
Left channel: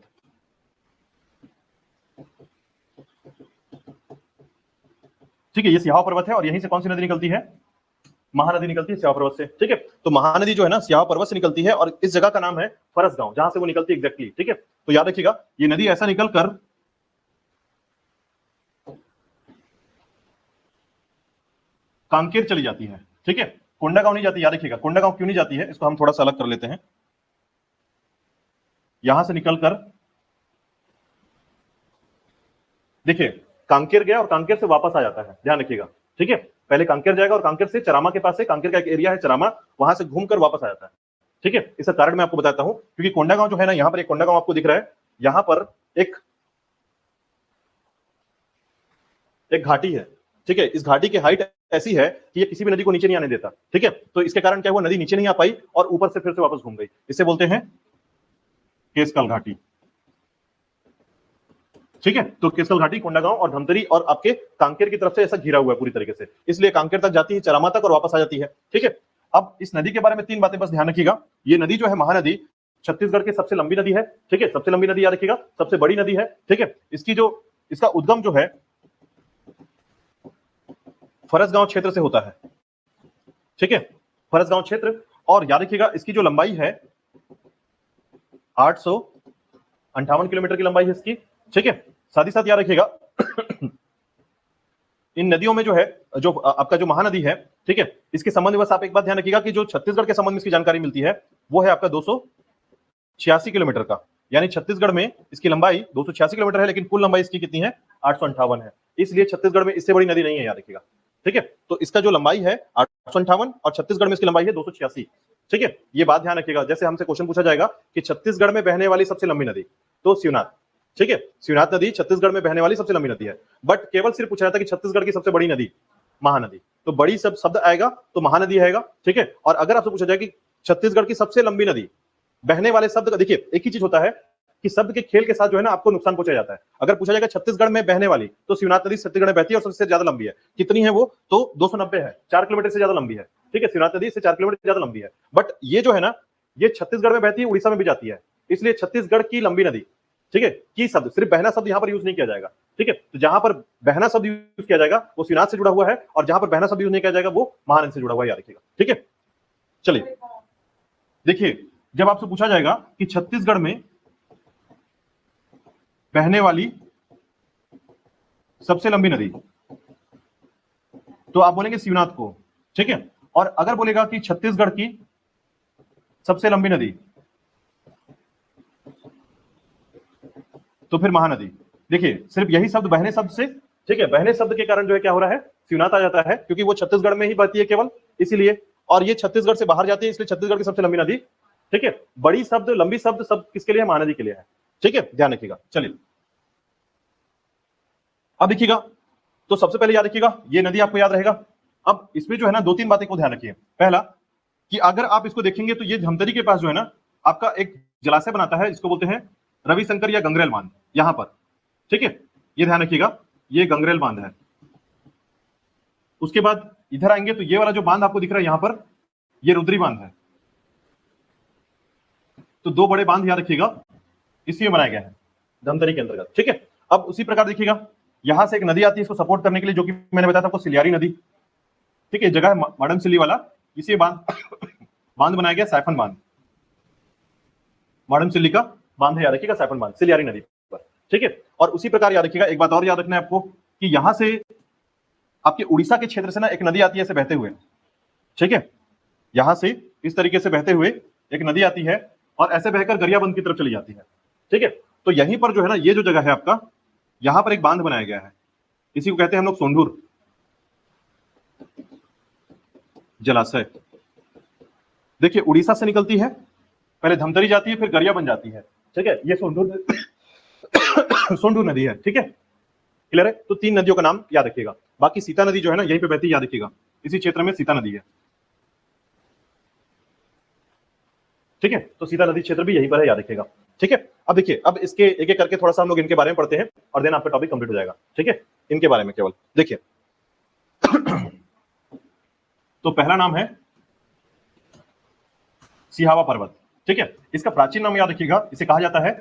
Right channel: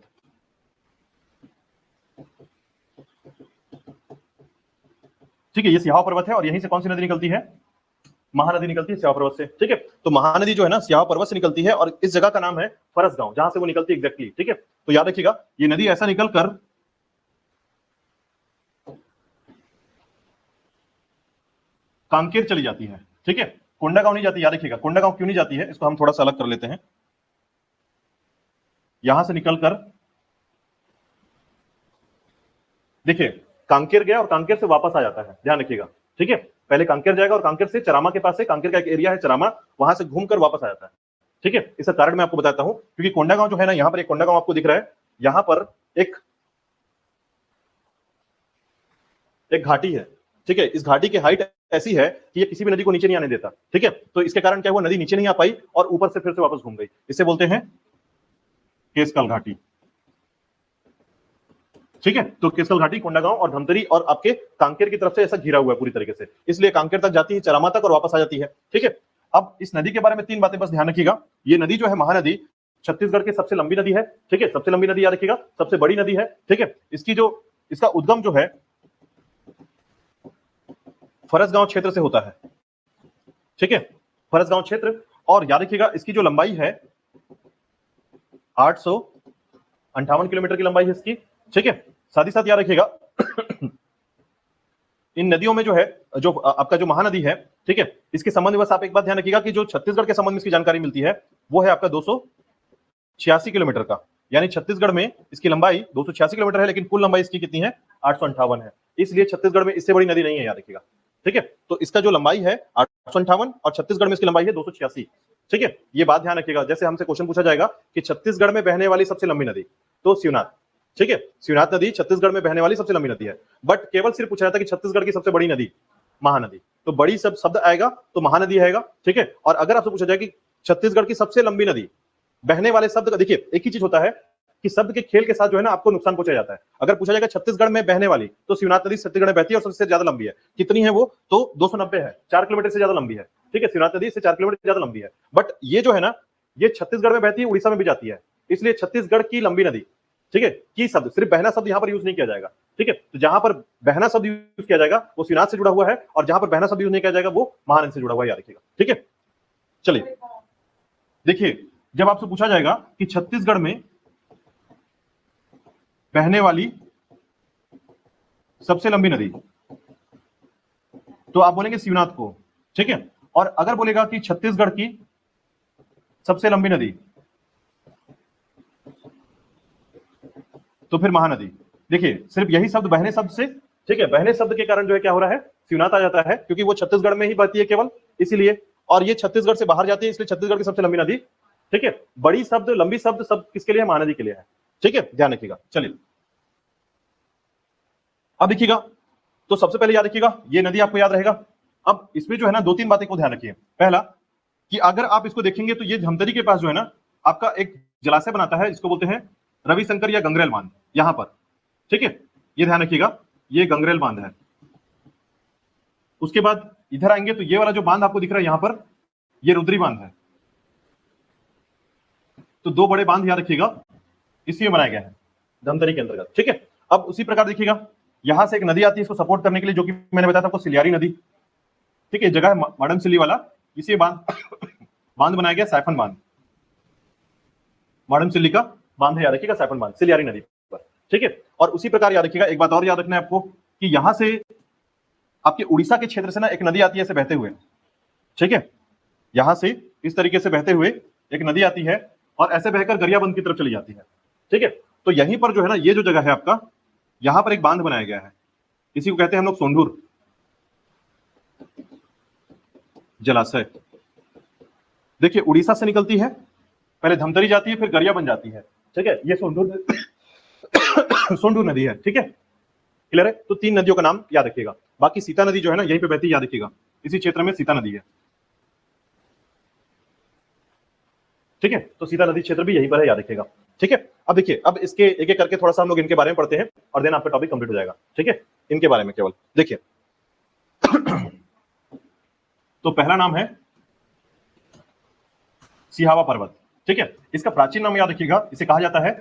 ठीक है। ये सिहावा पर्वत है और यहीं से कौन सी नदी निकलती है, महानदी निकलती है सिहावा पर्वत से, ठीक है। तो महानदी जो है ना सिहावा पर्वत से निकलती है और इस जगह का नाम है फरसगांव, जहां से वो निकलती है एग्जैक्टली, ठीक है। तो याद रखिएगा ये नदी ऐसा निकलकर कांकेर चली जाती है, ठीक है। कोंडागांव नहीं जाती, याद रखिएगा। कोंडागांव क्यों नहीं जाती है इसको हम थोड़ा सा अलग कर लेते हैं। यहां से निकलकर देखिए कांकेर गया और कांकेर से वापस आ जाता है, ध्यान रखिएगा, ठीक है। पहले कांकेर जाएगा और कांकेर से चरामा के पास है, कांकेर का एक एरिया है चरामा, वहां से घूमकर वापस आ जाता है, ठीक है। इसका कारण मैं आपको बताता हूं, क्योंकि कोंडागांव जो है ना, यहां पर एक कोंडागांव आपको दिख रहा है, यहां पर एक एक घाटी है, ठीक है। इस घाटी की हाइट ऐसी है कि ये किसी भी नदी को नीचे नहीं आने देता, ठीक है। तो इसके कारण क्या हुआ, नदी नीचे नहीं आ पाई और ऊपर से फिर से वापस घूम गई, इसे बोलते हैं केसकाल घाटी, ठीक है। तो केसकाल घाटी, कोंडागांव और धमतरी और आपके कांकेर की तरफ से ऐसा घिरा हुआ है पूरी तरीके से, इसलिए कांकेर तक जाती है, चरामा तक और वापस आ जाती है, ठीक है। अब इस नदी के बारे में 3 बातें बस ध्यान रखिएगा। ये नदी जो है महानदी छत्तीसगढ़ की सबसे लंबी नदी है, ठीक है, सबसे लंबी नदी याद रखिएगा, सबसे बड़ी नदी है, ठीक है। इसकी जो इसका उद्गम जो है फरसगांव क्षेत्र से होती है, ठीक है, फरसगांव क्षेत्र। और याद रखिएगा इसकी जो लंबाई है 858 किलोमीटर की लंबाई है इसकी, ठीक है। साथ ही साथ याद रखिएगा इन नदियों में जो है, जो आपका जो महानदी है, ठीक है, इसके संबंध में बस आप एक बात ध्यान रखिएगा कि जो छत्तीसगढ़ के संबंध में इसकी जानकारी मिलती है वो है आपका 286 किलोमीटर का, यानी छत्तीसगढ़ में इसकी लंबाई 286 किलोमीटर है, लेकिन कुल लंबाई इसकी कितनी है, 858 है। इसलिए छत्तीसगढ़ में इससे बड़ी नदी नहीं है, याद रखिएगा, ठीक है। तो इसका जो लंबाई है 858 और छत्तीसगढ़ में इसकी लंबाई है 286, ठीक है। ये बात ध्यान रखिएगा, जैसे हमसे क्वेश्चन पूछा जाएगा कि छत्तीसगढ़ में बहने वाली सबसे लंबी नदी, तो शिवनाथ, ठीक है, शिवनाथ नदी छत्तीसगढ़ में बहने वाली सबसे लंबी नदी है। बट केवल सिर्फ पूछा जाता है कि छत्तीसगढ़ की सबसे बड़ी नदी महानदी, तो बड़ी सब शब्द आएगा तो महानदी आएगा, ठीक है। और अगर आपसे पूछा जाए कि छत्तीसगढ़ की सबसे लंबी नदी, बहने वाले शब्द का देखिए एक ही चीज होता है कि शब्द के खेल के साथ जो है ना आपको नुकसान पहुंचा जाता है। अगर पूछा जाएगा छत्तीसगढ़ में बहने वाली, तो शिवनाथ नदी छत्तीसगढ़ में बहती है और सबसे ज्यादा लंबी है। कितनी है वो, तो 290 है, 4 किलोमीटर से ज्यादा लंबी है, ठीक है। शिवनाथ नदी से 4 किलोमीटर ज्यादा लंबी है। बट ये जो है ना, ये छत्तीसगढ़ में बहती है, उड़ीसा में भी जाती है, इसलिए छत्तीसगढ़ की लंबी नदी, ठीक है, की शब्द, सिर्फ बहना शब्द यहाँ पर यूज नहीं किया जाएगा, ठीक है। तो जहां पर बहना शब्द यूज किया जाएगा वो शिवनाथ से जुड़ा हुआ है, और जहां पर बहना शब्द यूज नहीं किया जाएगा वो महानदी से जुड़ा हुआ है, याद रखिएगा, ठीक है। चलिए देखिए, जब आपसे पूछा जाएगा कि छत्तीसगढ़ में बहने वाली सबसे लंबी नदी, तो आप बोलेंगे शिवनाथ को, ठीक है। और अगर बोलेगा कि छत्तीसगढ़ की सबसे लंबी नदी, तो फिर महानदी। देखिए सिर्फ यही शब्द बहने शब्द से, ठीक है, बहने शब्द के कारण जो है क्या हो रहा है, शिवनाथ आ जाता है, क्योंकि वो छत्तीसगढ़ में ही बहती है केवल, इसीलिए। और ये छत्तीसगढ़ से बाहर जाती है, इसलिए छत्तीसगढ़ की सबसे लंबी नदी, ठीक है। बड़ी शब्द, लंबी शब्द सब किसके लिए है, महानदी के लिए है, ठीक है, ध्यान रखिएगा। चलिए अब देखिएगा, तो सबसे पहले याद रखिएगा ये नदी आपको याद रहेगा। अब इसमें जो है ना 2-3 बातें को ध्यान रखिए। पहला कि अगर आप इसको देखेंगे तो ये धमतरी के पास जो है ना आपका एक जलाशय बनाता है, जिसको बोलते हैं रविशंकर या गंगरेल बांध, यहां पर, ठीक है, ये ध्यान रखिएगा, ये गंगरेल बांध है। उसके बाद इधर आएंगे तो ये वाला जो बांध आपको दिख रहा है यहां पर, ये रुद्री बांध है। तो 2 बड़े बांध याद रखिएगा, इसलिए बनाया गया है धमतरी के अंतर्गत, ठीक है। अब उसी प्रकार देखिएगा, यहां से एक नदी आती है इसको सपोर्ट करने के लिए, जो कि मैंने बताया था आपको, सिलियारी नदी, ठीक है, जगह है माडमसिल्ली वाला, इसी बांध माडमसिल्ली का बांध याद रखिएगा, सैफन बांध सिलियारी नदी पर, ठीक है। और उसी प्रकार याद रखिएगा, एक बात और याद रखना है आपको कि यहां से आपके उड़ीसा के क्षेत्र से ना एक नदी आती है ऐसे बहते हुए, ठीक है, यहां से इस तरीके से बहते हुए एक नदी आती है और ऐसे बहकर गरियाबंद की तरफ चली जाती है, ठीक है। तो यहीं पर जो है ना ये जो जगह है आपका, यहां पर एक बांध बनाया गया है, इसी को कहते हैं हम लोग सोंढूर जलाशय। देखिए उड़ीसा से निकलती है, पहले धमतरी जाती है, फिर गरियाबंद जाती है, ठीक है, ये सोंढूर सोंढूर नदी है, ठीक है, क्लियर है। तो 3 नदियों का नाम याद रखिएगा। बाकी सीता नदी जो है ना यहीं पे बहती है, याद रखिएगा, इसी क्षेत्र में सीता नदी है, ठीक है। तो सीता नदी क्षेत्र भी यहीं पर है, याद रखिएगा, ठीक है। अब देखिए, अब इसके एक एक करके थोड़ा सा हम लोग इनके बारे में पढ़ते हैं और देन आपका टॉपिक कंप्लीट हो जाएगा, ठीक है। इनके बारे में केवल देखिए तो पहला नाम है सिहावा पर्वत, ठीक है। इसका प्राचीन नाम याद रखिएगा, इसे कहा जाता है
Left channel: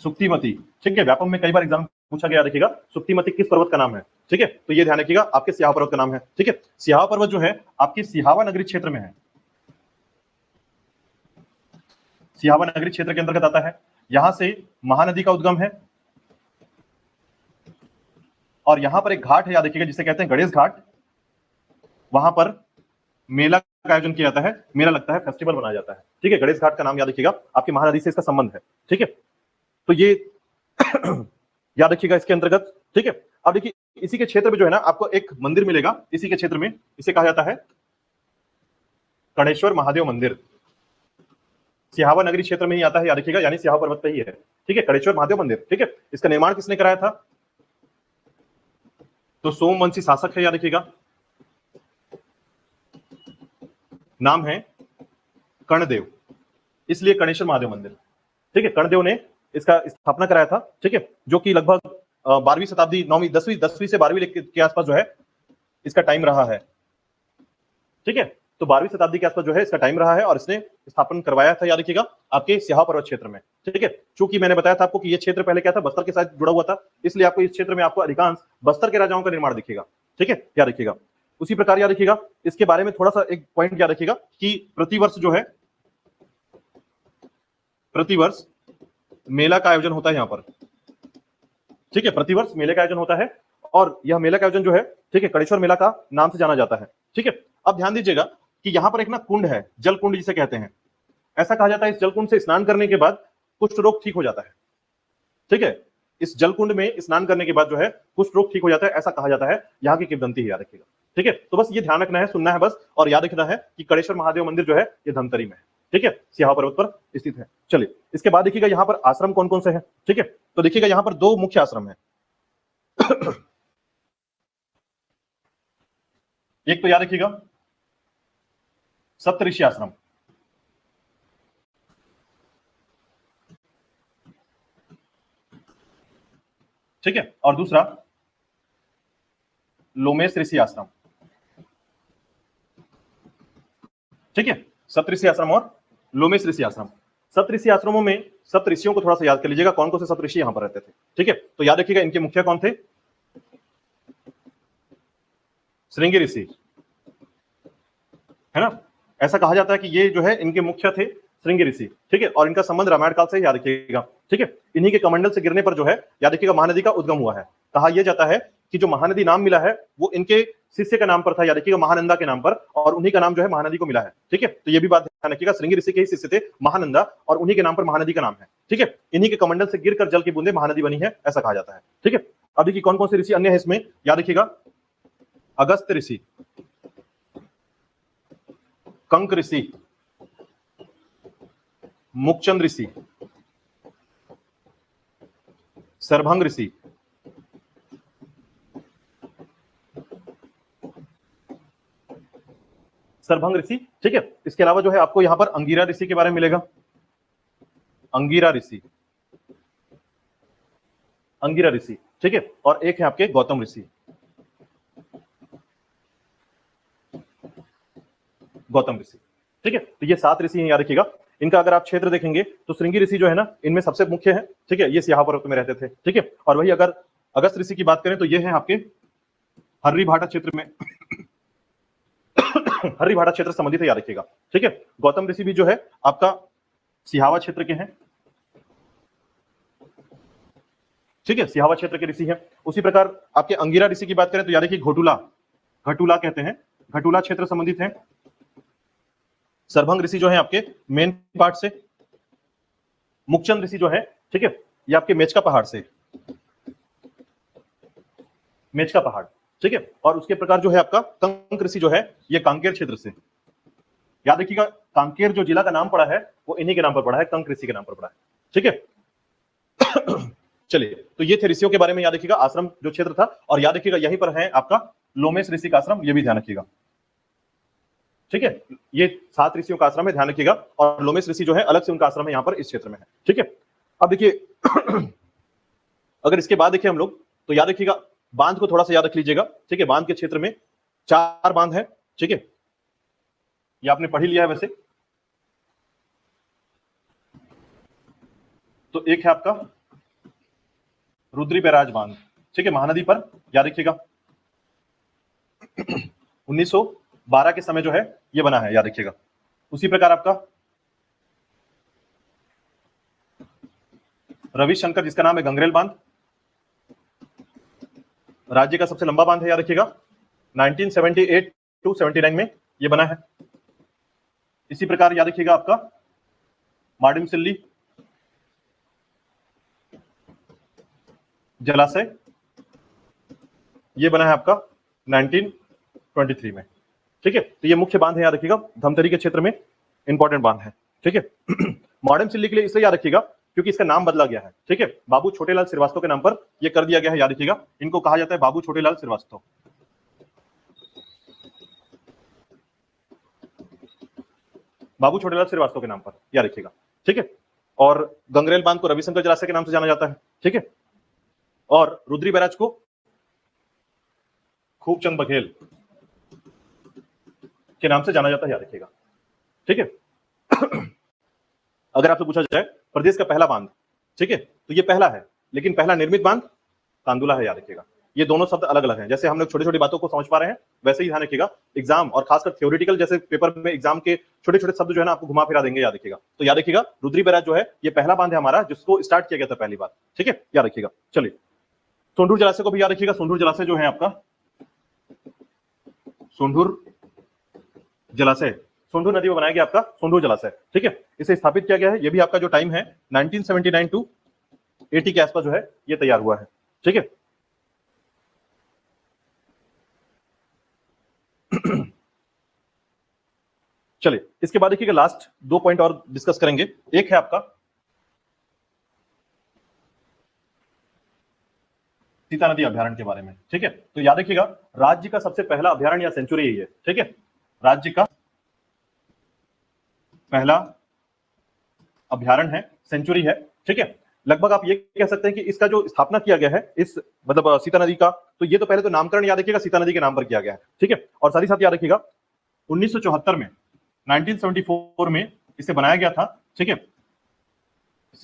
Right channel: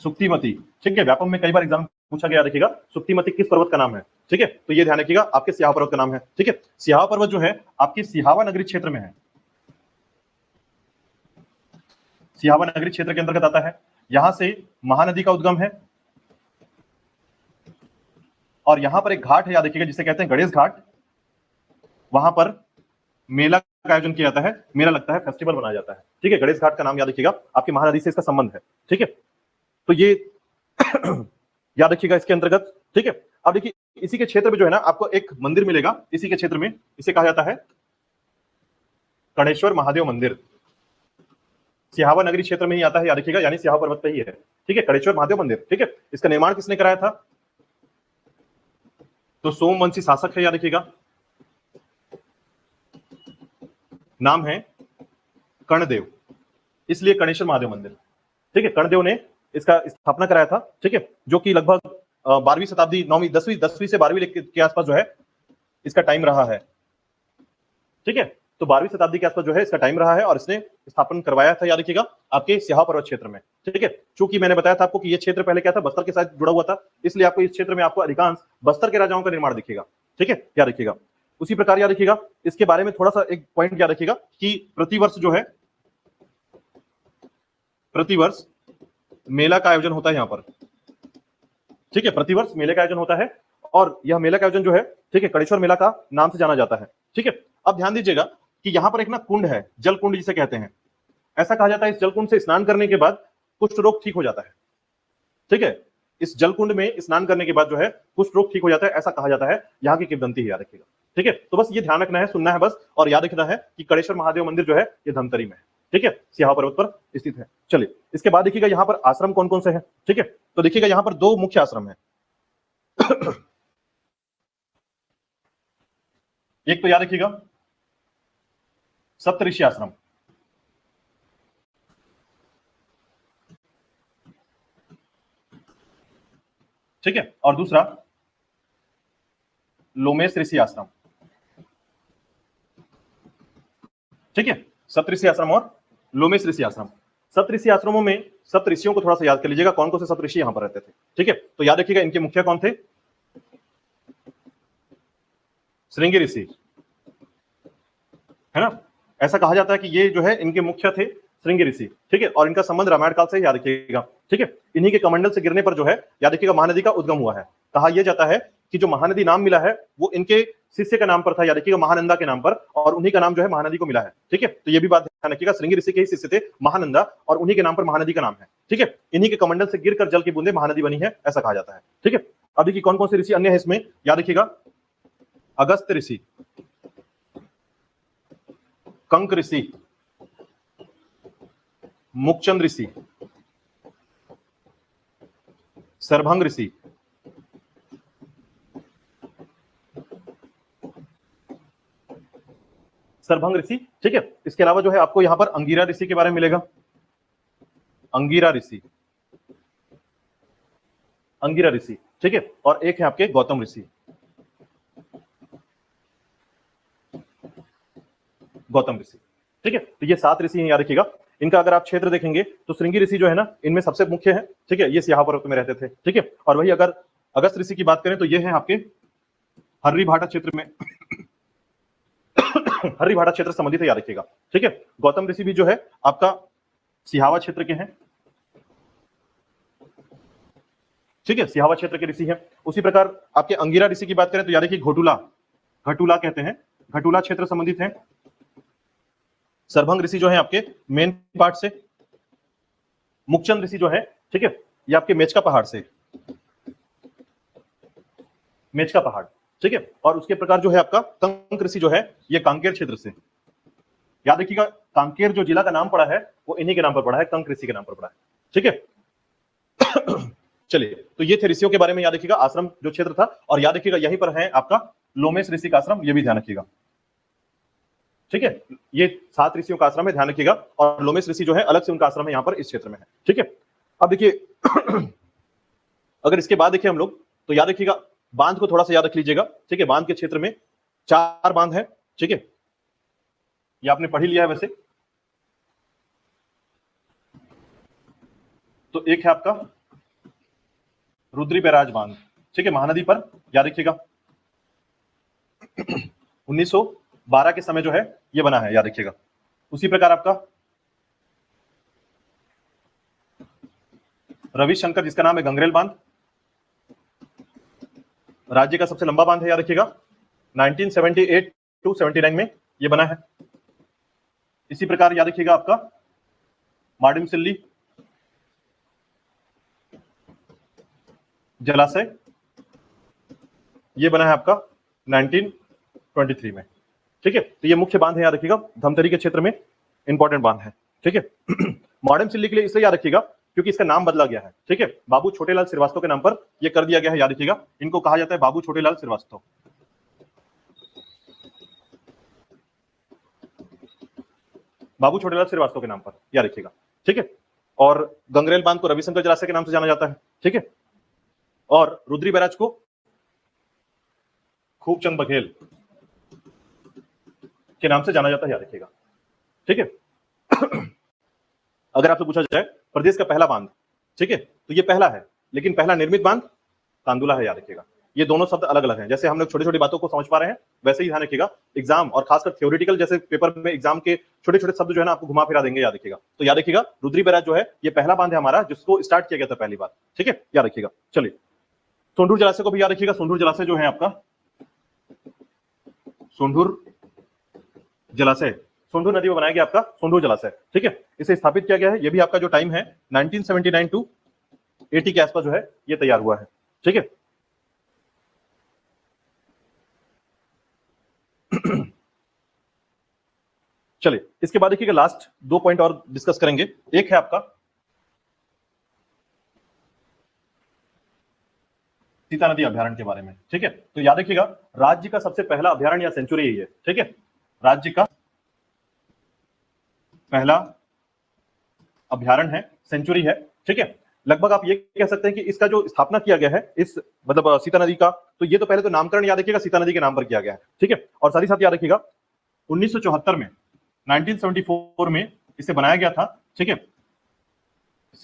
सुक्तिमती, ठीक है। व्यापम में कई बार एग्जाम पूछा गया, देखिएगा सुक्तिमती किस पर्वत का नाम है, ठीक है। तो ये ध्यान रखिएगा आपके सिहावा पर्वत का नाम है, ठीक है। सिहावा पर्वत जो है आपके सिहावा नगरी क्षेत्र में है, सिहावा नगरी क्षेत्र के अंतर्गत आता है। यहां से महानदी का उद्गम है और यहां पर एक घाट है, याद रखिएगा, जिसे कहते हैं गणेश घाट। वहां पर मेला का आयोजन किया जाता है, मेला लगता है, फेस्टिवल बनाया जाता है, ठीक है। गणेश घाट का नाम याद रखिएगा, आपकी महानदी से इसका संबंध है, ठीक है। तो ये याद रखिएगा इसके अंतर्गत, ठीक है। अब देखिए इसी के क्षेत्र में जो है ना आपको एक मंदिर मिलेगा, इसी के क्षेत्र में, इसे कहा जाता है कणेश्वर महादेव मंदिर। सिहावा नगरी क्षेत्र में ही आता है, याद रखिएगा, यानी सिहावा पर्वत पे ही है, ठीक है, कणेश्वर महादेव मंदिर, ठीक है। इसका निर्माण किसने कराया था, तो सोमवंशी शासक है, याद रखिएगा, नाम है कर्णदेव, इसलिए कणेश्वर महादेव मंदिर, ठीक है। कर्णदेव ने इसका स्थापना कराया था, ठीक है, जो कि लगभग 12वीं शताब्दी, 9वीं 10वीं से 12वीं के आसपास जो है इसका टाइम रहा है, ठीक है। तो 12वीं शताब्दी के आसपास जो है इसका टाइम रहा है और इसने स्थापन करवाया था, याद रखिएगा, आपके सिहावा पर्वत क्षेत्र में, ठीक है। चूंकि मैंने बताया था आपको कि ये क्षेत्र पहले क्या था, बस्तर के साथ जुड़ा हुआ था, इसलिए आपको इस क्षेत्र में आपको अधिकांश बस्तर के राजाओं का निर्माण दिखेगा, ठीक है, याद रखिएगा। उसी प्रकार याद रखिएगा, इसके बारे में थोड़ा सा एक पॉइंट याद रखिएगा कि प्रतिवर्ष जो है, प्रतिवर्ष मेला का आयोजन होता है यहां पर, ठीक है, प्रतिवर्ष मेले का आयोजन होता है और यह मेला का आयोजन जो है, ठीक है, कड़ेश्वर मेला का नाम से जाना जाता है। ठीक है, अब ध्यान दीजिएगा कि यहाँ पर एक ना कुंड है, जल कुंड जिसे कहते हैं। ऐसा कहा जाता है इस जल कुंड से स्नान करने के बाद कुष्ठ रोग ठीक हो जाता है। ठीक है, इस जल कुंड में स्नान करने के बाद जो है कुष्ठ रोग ठीक हो जाता है, ऐसा कहा जाता है। यहाँ की किंवदंती याद रखिएगा। ठीक है, तो बस ये ध्यान रखना है, सुनना है बस, और याद रखना है कि कड़ेश्वर महादेव मंदिर जो है ये धमतरी में, ठीक है, सिहावा पर्वत पर स्थित है। चलिए, इसके बाद देखिएगा यहाँ पर आश्रम कौन कौन से हैं। ठीक है, तो देखिएगा यहाँ पर दो मुख्य आश्रम है। एक तो याद रखिएगा सप्तऋषि आश्रम, ठीक है, और दूसरा लोमेश ऋषि आश्रम। ठीक है, सप्तऋषि आश्रम और लोमेश ऋषि आश्रम। सप्तऋषि आश्रमों में सप्त ऋषियों को थोड़ा सा याद कर लीजिएगा, कौन कौन से सप्त ऋषि यहाँ पर रहते थे। ठीक है, तो याद रखिएगा इनके मुखिया कौन थे, श्रृंगी ऋषि, है ना। ऐसा कहा जाता है कि ये जो है इनके मुख्य थे श्रृंगी ऋषि। ठीक है, और इनका संबंध रामायण काल से याद रखिएगा। ठीक है, इन्हीं के कमंडल से गिरने पर जो है याद रखिएगा महानदी का उद्गम हुआ है। कहा यह जाता है कि जो महानदी नाम मिला है वो इनके शिष्य के नाम पर था, याद रखिएगा महानंदा के नाम पर, और उन्हीं का नाम जो है महानदी को मिला है। ठीक है, तो ये भी बात ध्यान रखिएगा, श्रृंगी ऋषि के ही शिष्य थे महानंदा, और उन्हीं के नाम पर महानदी का नाम है। ठीक है, इन्हीं के कमंडल से गिरकर जल की बूंदें महानदी बनी है, ऐसा कहा जाता है। ठीक है, तो देखिए कौन कौन से ऋषि होंगे इसमें, याद रखिएगा अगस्त्य ऋषि, कंक ऋषि, मुक्चंद ऋषि, सरभंग ऋषि, सरभंग ऋषि। ठीक है, इसके अलावा जो है आपको यहाँ पर अंगीरा ऋषि के बारे में मिलेगा, अंगीरा ऋषि, अंगीरा ऋषि। ठीक है, और एक है आपकी गौतम ऋषि, गौतम ऋषि। ठीक है, तो ये 7 ऋषि हैं, याद रखिएगा। इनका अगर आप क्षेत्र देखेंगे तो श्रृंगी ऋषि जो है ना इनमें सबसे मुख्य है। ठीक है, ये यहाँ पर्वत में रहते थे। ठीक है, और वही अगर अगस्त ऋषि की बात करें तो ये है आपके हर्री भाटा क्षेत्र में हर्री भाटा क्षेत्र संबंधित है, याद रखिएगा। ठीक है, गौतम ऋषि भी जो है आपका सिहावा क्षेत्र के हैं। ठीक है, सिहावा क्षेत्र के ऋषि हैं। उसी प्रकार आपके अंगिरा ऋषि की बात करें तो याद रखिए घोटुला, घटुला कहते हैं, घटुला क्षेत्र संबंधित है। सरभंग ऋषि जो है आपके मेन पार्ट से, मुक्चंद ऋषि जो है, ठीक है, ये आपके मेचका पहाड़ से, मेचका पहाड़। ठीक है, और उसके प्रकार जो है आपका कंक ऋषि जो है ये कांकेर क्षेत्र से। याद रखिएगा कांकेर जो जिला का नाम पड़ा है वो इन्हीं के नाम पर पड़ा है, कंक ऋषि के नाम पर पड़ा है। ठीक है, चलिए, तो ये थे ऋषियों के बारे में याद रखिएगा, आश्रम जो क्षेत्र था, और याद रखिएगा यहीं पर है आपका लोमेश ऋषि का आश्रम, ये भी ध्यान रखिएगा। ठीक है, ये 7 ऋषियों का आश्रम है, ध्यान रखिएगा, और लोमेश ऋषि जो है अलग से उनका आश्रम है यहाँ पर इस क्षेत्र में है। ठीक है, अब देखिए अगर इसके बाद देखिए हम लोग तो याद रखिएगा बांध को थोड़ा सा याद रख लीजिएगा। ठीक है, बांध के क्षेत्र में 4 बांध है। ठीक है, ये आपने पढ़ ही लिया है वैसे। तो एक है आपका रुद्री बैराज बांध, ठीक है, महानदी पर, याद रखिएगा 1912 के समय जो है ये बना है, याद रखिएगा। उसी प्रकार आपका रविशंकर जिसका नाम है गंगरेल बांध, राज्य का सबसे लंबा बांध है, याद रखिएगा 1978 टू 79 में ये बना है। इसी प्रकार याद रखिएगा आपका मार्डिमसिल्ली जलाशय, ये बना है आपका 1923 में। ठीक है, तो ये मुख्य बांध है, याद रखिएगा, धमतरी के क्षेत्र में इंपॉर्टेंट बांध है। ठीक है, मार्डिमसिल्ली के लिए इसे याद रखिएगा क्योंकि इसका नाम बदला गया है। ठीक है, बाबू छोटेलाल श्रीवास्तव के नाम पर ये कर दिया गया है, याद रखिएगा। इनको कहा जाता है बाबू छोटेलाल श्रीवास्तव, बाबू छोटेलाल श्रीवास्तव के नाम पर, याद रखिएगा। ठीक है, और गंगरेल बांध को रविशंकर जलाशय के नाम से जाना जाता है। ठीक है, और रुद्री बैराज को खूबचंद बघेल के नाम से जाना जाता है, याद रखिएगा। ठीक है, अगर आपसे पूछा जाए प्रदेश का पहला बांध, ठीक है, तो ये पहला है, लेकिन पहला निर्मित बांध कांदुला है, याद रखिएगा। ये दोनों शब्द अलग अलग हैं, जैसे हम लोग छोटी छोटी बातों को समझ पा रहे हैं वैसे ही ध्यान रखिएगा। एग्जाम और खासकर थ्योरेटिकल जैसे पेपर में एग्जाम के छोटे छोटे शब्द जो है ना आपको घुमा फिरा देंगे, याद रखिएगा। तो याद रखिएगा रुद्री बैराज जो है ये पहला बांध है हमारा जिसको स्टार्ट किया गया था पहली बार। ठीक है, याद रखिएगा। चलिए, सोंढूर जलाशय को भी याद रखिएगा। सोंढूर जलाशय जो है आपका, सोंढूर जलाशय सोंढूर नदी में बनाया गया आपका सोंढूर जलाशय, ठीक है। इसे स्थापित किया गया है। ये भी आपका जो टाइम है 1979 टू 80 के आसपास जो है ये तैयार हुआ है, ठीक है। चलिए इसके बाद देखिएगा लास्ट 2 पॉइंट और डिस्कस करेंगे। एक है आपका सीता नदी अभ्यारण्य के बारे में, ठीक है। तो याद रखिएगा राज्य का सबसे पहला अभ्यारण्य या सेंचुरी यही है, ठीक है। राज्य का पहला अभ्यारण्य है, सेंचुरी है, ठीक है। लगभग आप ये कह सकते हैं कि इसका जो स्थापना किया गया है इस मतलब सीता नदी का, तो ये तो पहले तो नामकरण याद रखिएगा सीता नदी के नाम पर किया गया है, ठीक है। और साथ ही साथ याद रखिएगा 1974 में 1974 में इसे बनाया गया था, ठीक है,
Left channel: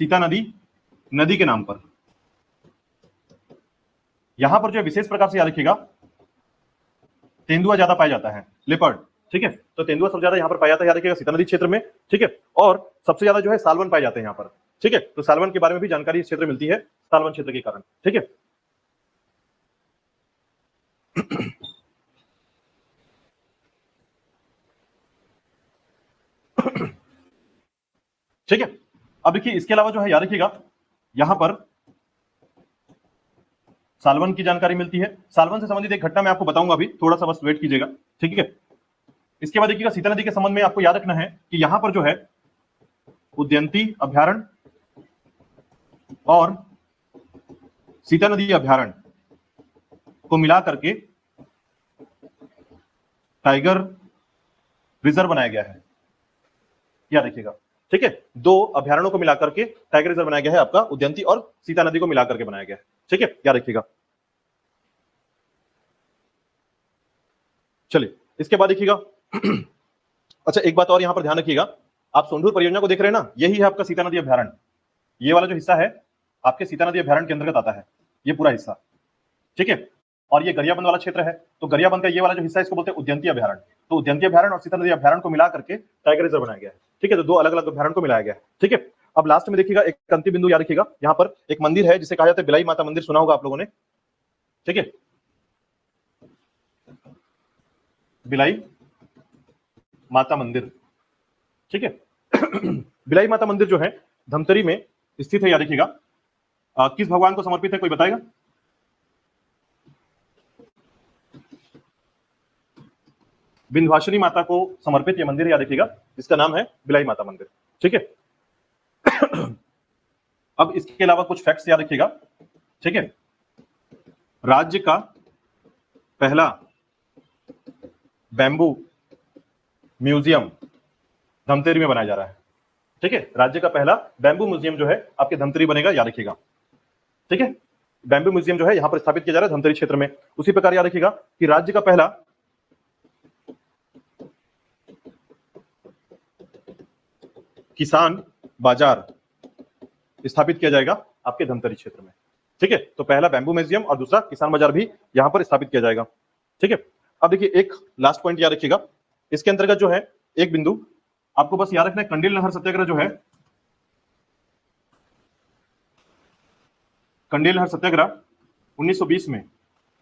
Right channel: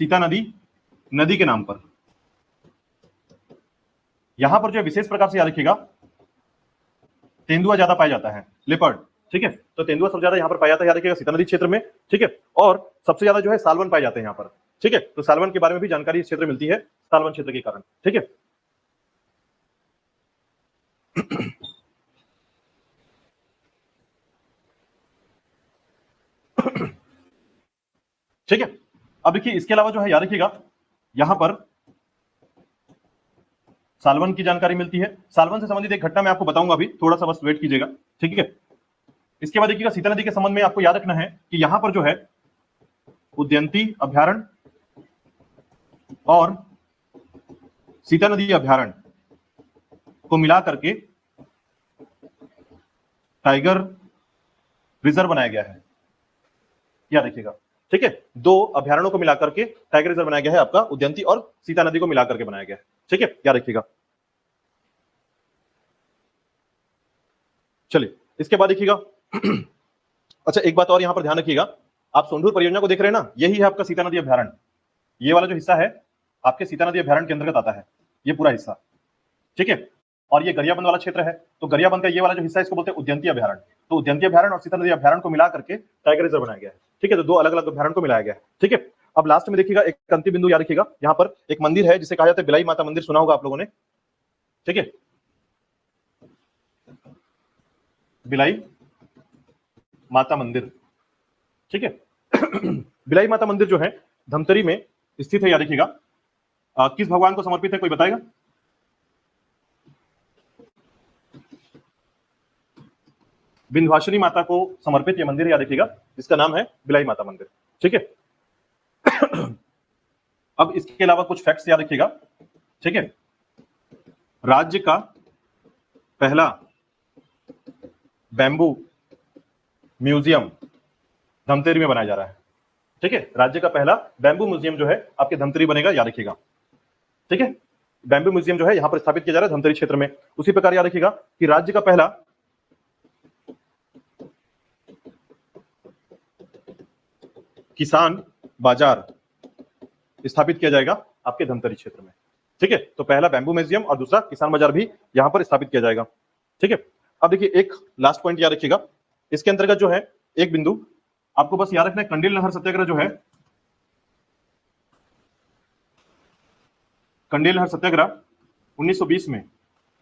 सीता नदी के नाम पर। यहां पर जो विशेष प्रकार से याद रखिएगा तेंदुआ ज्यादा पाया जाता है, लेपर्ड, ठीक है। तो तेंदुआ सबसे ज्यादा यहां पर पाया जाता है, याद रखिएगा सीता नदी क्षेत्र में, ठीक है। और सबसे ज्यादा जो है सालवन पाए जाते हैं यहां पर, ठीक है। तो सालवन के बारे में भी जानकारी इस क्षेत्र में मिलती है, सालवन क्षेत्र के कारण, ठीक है। ठीक है। अब देखिए इसके अलावा जो है याद रखिएगा यहां पर सालवन की जानकारी मिलती है। सालवन से संबंधित एक घटना मैं आपको बताऊंगा अभी, थोड़ा सा बस वेट कीजिएगा, ठीक है। इसके बाद देखिएगा सीता नदी के संबंध में आपको याद रखना है कि यहां पर जो है उदयंती अभ्यारण्य और सीता नदी अभ्यारण्य को मिला करके टाइगर रिजर्व बनाया गया है, याद रखिएगा, ठीक है। 2 अभ्यारण्यों को मिलाकर के टाइगर रिजर्व बनाया गया है आपका, उदयंती और सीता नदी को मिलाकर के बनाया गया है, ठीक है, याद रखिएगा। चलिए इसके बाद देखिएगा अच्छा एक बात और यहां पर ध्यान रखिएगा, आप सोंढूर परियोजना को देख रहे हैं ना, यही है आपका सीता नदी अभ्यारण्य। ये वाला जो हिस्सा है आपके सीता नदी अभ्यारण्य के अंतर्गत आता है, ये पूरा हिस्सा, ठीक है। और ये गरियाबंद वाला क्षेत्र है, तो गरियाबंद का ये वाला जो हिस्सा है इसको बोलते हैं उद्यंती अभ्यारण्य। तो उद्यंती अभ्यारण्य और सीता नदी अभ्यारण्य को मिला करके टाइगर रिजर्व बनाया गया है, ठीक है। तो 2 अलग अलग अभ्यारण्य को मिलाया गया है, ठीक है। अब लास्ट में देखिएगा एक अंतिम बिंदु याद रखिएगा, यहाँ पर एक मंदिर है जिसे कहा जाता है बिलाई माता मंदिर, सुना होगा आप लोगों ने, ठीक है। बिलाई माता मंदिर, ठीक है। बिलाई माता मंदिर जो है धमतरी में स्थित है, याद रखिएगा। किस भगवान को समर्पित है कोई बताएगा? विंध्यवासिनी माता को समर्पित ये मंदिर है, याद रखिएगा, जिसका नाम है बिलाई माता मंदिर, ठीक है। अब इसके अलावा कुछ फैक्ट्स याद रखिएगा, ठीक है। राज्य का पहला बैम्बू म्यूजियम धमतरी में बनाया जा रहा है, ठीक है। राज्य का पहला बैम्बू म्यूजियम जो है आपके धमतरी बनेगा, याद रखिएगा, ठीक है। बैम्बू म्यूजियम जो है यहां पर स्थापित किया जा रहा है धमतरी क्षेत्र में। उसी प्रकार याद रखिएगा कि राज्य का पहला किसान बाजार स्थापित किया जाएगा आपके धमतरी क्षेत्र में, ठीक है। तो पहला बैम्बू म्यूजियम और दूसरा किसान बाजार भी यहां पर स्थापित किया जाएगा, ठीक है। अब देखिए एक लास्ट पॉइंट याद रखिएगा, इसके अंतर्गत जो है एक बिंदु आपको बस याद रखना है, कंडेल नहर सत्याग्रह जो है, कंडेल नहर सत्याग्रह 1920 में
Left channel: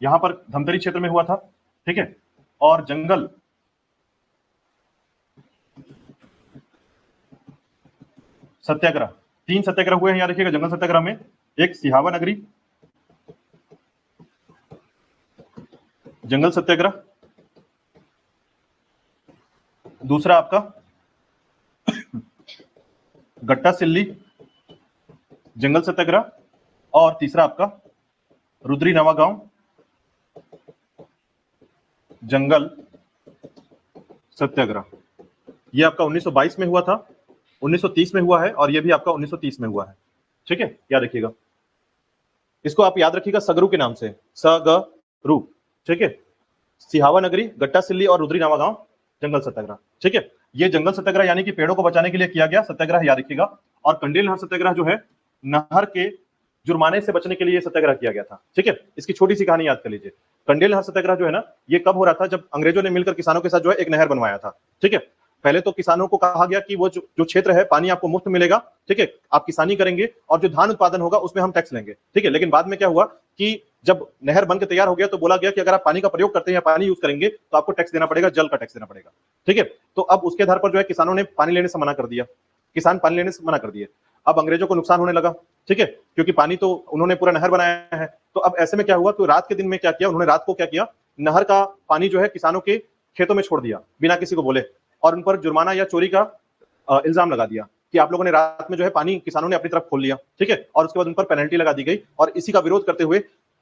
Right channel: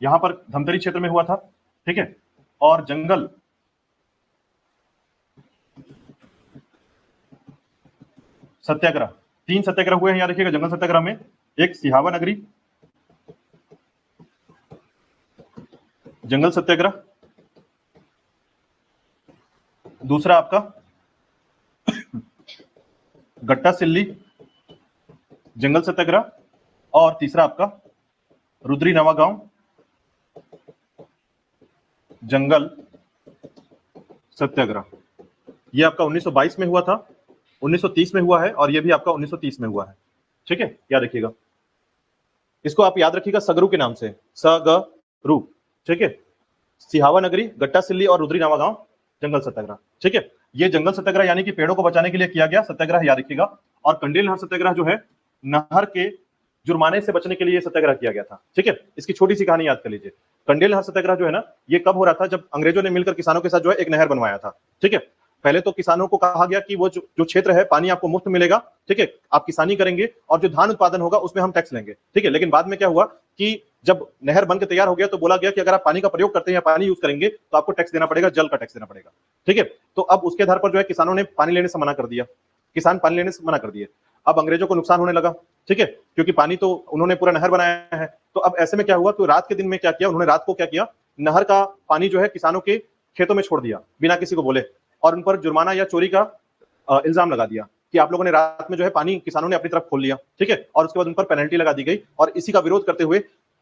यहां पर धमतरी क्षेत्र में हुआ था, ठीक है। और जंगल सत्याग्रह 3 सत्याग्रह हुए हैं, याद रखिएगा। जंगल सत्याग्रह में एक सिहावा नगरी जंगल सत्याग्रह, दूसरा आपका गट्टा सिल्ली जंगल सत्याग्रह, और तीसरा आपका रुद्री नवागांव जंगल सत्याग्रह। ये आपका 1922 में हुआ था, 1930 में हुआ है, और ये भी आपका 1930 में हुआ है, ठीक है, याद रखिएगा। इसको आप याद रखिएगा सगरू के नाम से, सगरू, ठीक है। सिहावा नगरी, गट्टा सिल्ली और रुद्री नवागांव जंगल सत्याग्रह, ठीक है। ये जंगल सत्याग्रह यानी कि पेड़ों को बचाने के लिए किया गया सत्याग्रह, याद रखिएगा। और कंडेल नहर सत्याग्रह जो है नहर के जुर्माने से बचने के लिए सत्याग्रह किया गया था, ठीक है। इसकी छोटी सी कहानी याद कर लीजिए। कंडेल नहर सत्याग्रह जो है ना, ये कब हो रहा था, जब अंग्रेजों ने मिलकर किसानों के साथ जो है एक नहर बनवाया था, ठीक है। पहले तो किसानों को कहा गया कि वो जो क्षेत्र है पानी आपको मुफ्त मिलेगा, ठीक है, आप किसानी करेंगे और जो धान उत्पादन होगा उसमें हम टैक्स लेंगे, ठीक है। लेकिन बाद में क्या हुआ कि जब नहर बन के तैयार हो गया तो बोला गया कि अगर आप पानी का प्रयोग करते हैं, पानी यूज करेंगे तो आपको टैक्स देना पड़ेगा, जल का टैक्स देना पड़ेगा, ठीक है। तो अब उसके आधार पर जो है किसानों ने पानी लेने से मना कर दिया, किसान पानी लेने से मना कर दिए। अब अंग्रेजों को नुकसान होने लगा, ठीक है, क्योंकि पानी तो उन्होंने पूरा नहर बनाया है। तो अब ऐसे में क्या हुआ, तो रात के दिन में क्या किया उन्होंने, रात को क्या किया, नहर का पानी जो है किसानों के खेतों में छोड़ दिया बिना किसी को बोले, और उन पर जुर्माना या चोरी का इल्जाम लगा दिया कि आप लोगों ने रात में जो है पानी किसानों ने अपनी तरफ खोल लिया, ठीक है। और उसके बाद उन पर पेनल्टी लगा दी गई, और इसी का विरोध करते हुए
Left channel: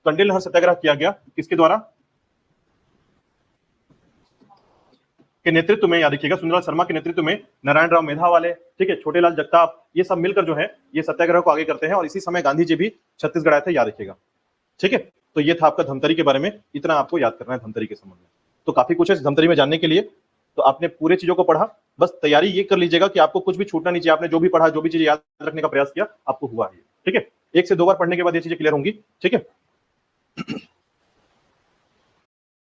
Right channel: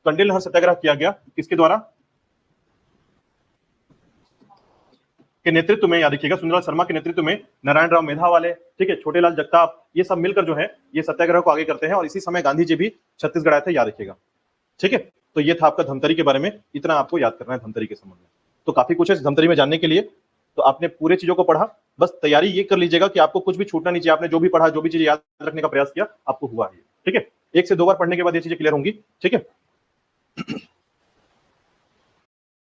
कंडेल नहर सत्याग्रह किया गया, किसके द्वारा, के नेतृत्व में, याद रखिएगा सुंदरलाल शर्मा के नेतृत्व में, नारायण राव मेधावाले, ठीक है, छोटेलाल जगताप, ये सब मिलकर जो है ये सत्याग्रह को आगे करते हैं, और इसी समय गांधी जी भी छत्तीसगढ़ आए थे, याद रखिएगा, ठीक है। तो ये था आपका धमतरी के बारे में, इतना आपको याद करना है धमतरी के संबंध में। तो काफी कुछ है धमतरी में जानने के लिए, तो आपने पूरे चीजों को पढ़ा, बस तैयारी ये कर लीजिएगा कि आपको कुछ भी छूटना नहीं चाहिए, आपने जो भी पढ़ा, जो भी चीज याद रखने का प्रयास किया, आपको हुआ होगा, ठीक है। एक से दो बार पढ़ने के बाद ये चीजें क्लियर होंगी, ठीक है।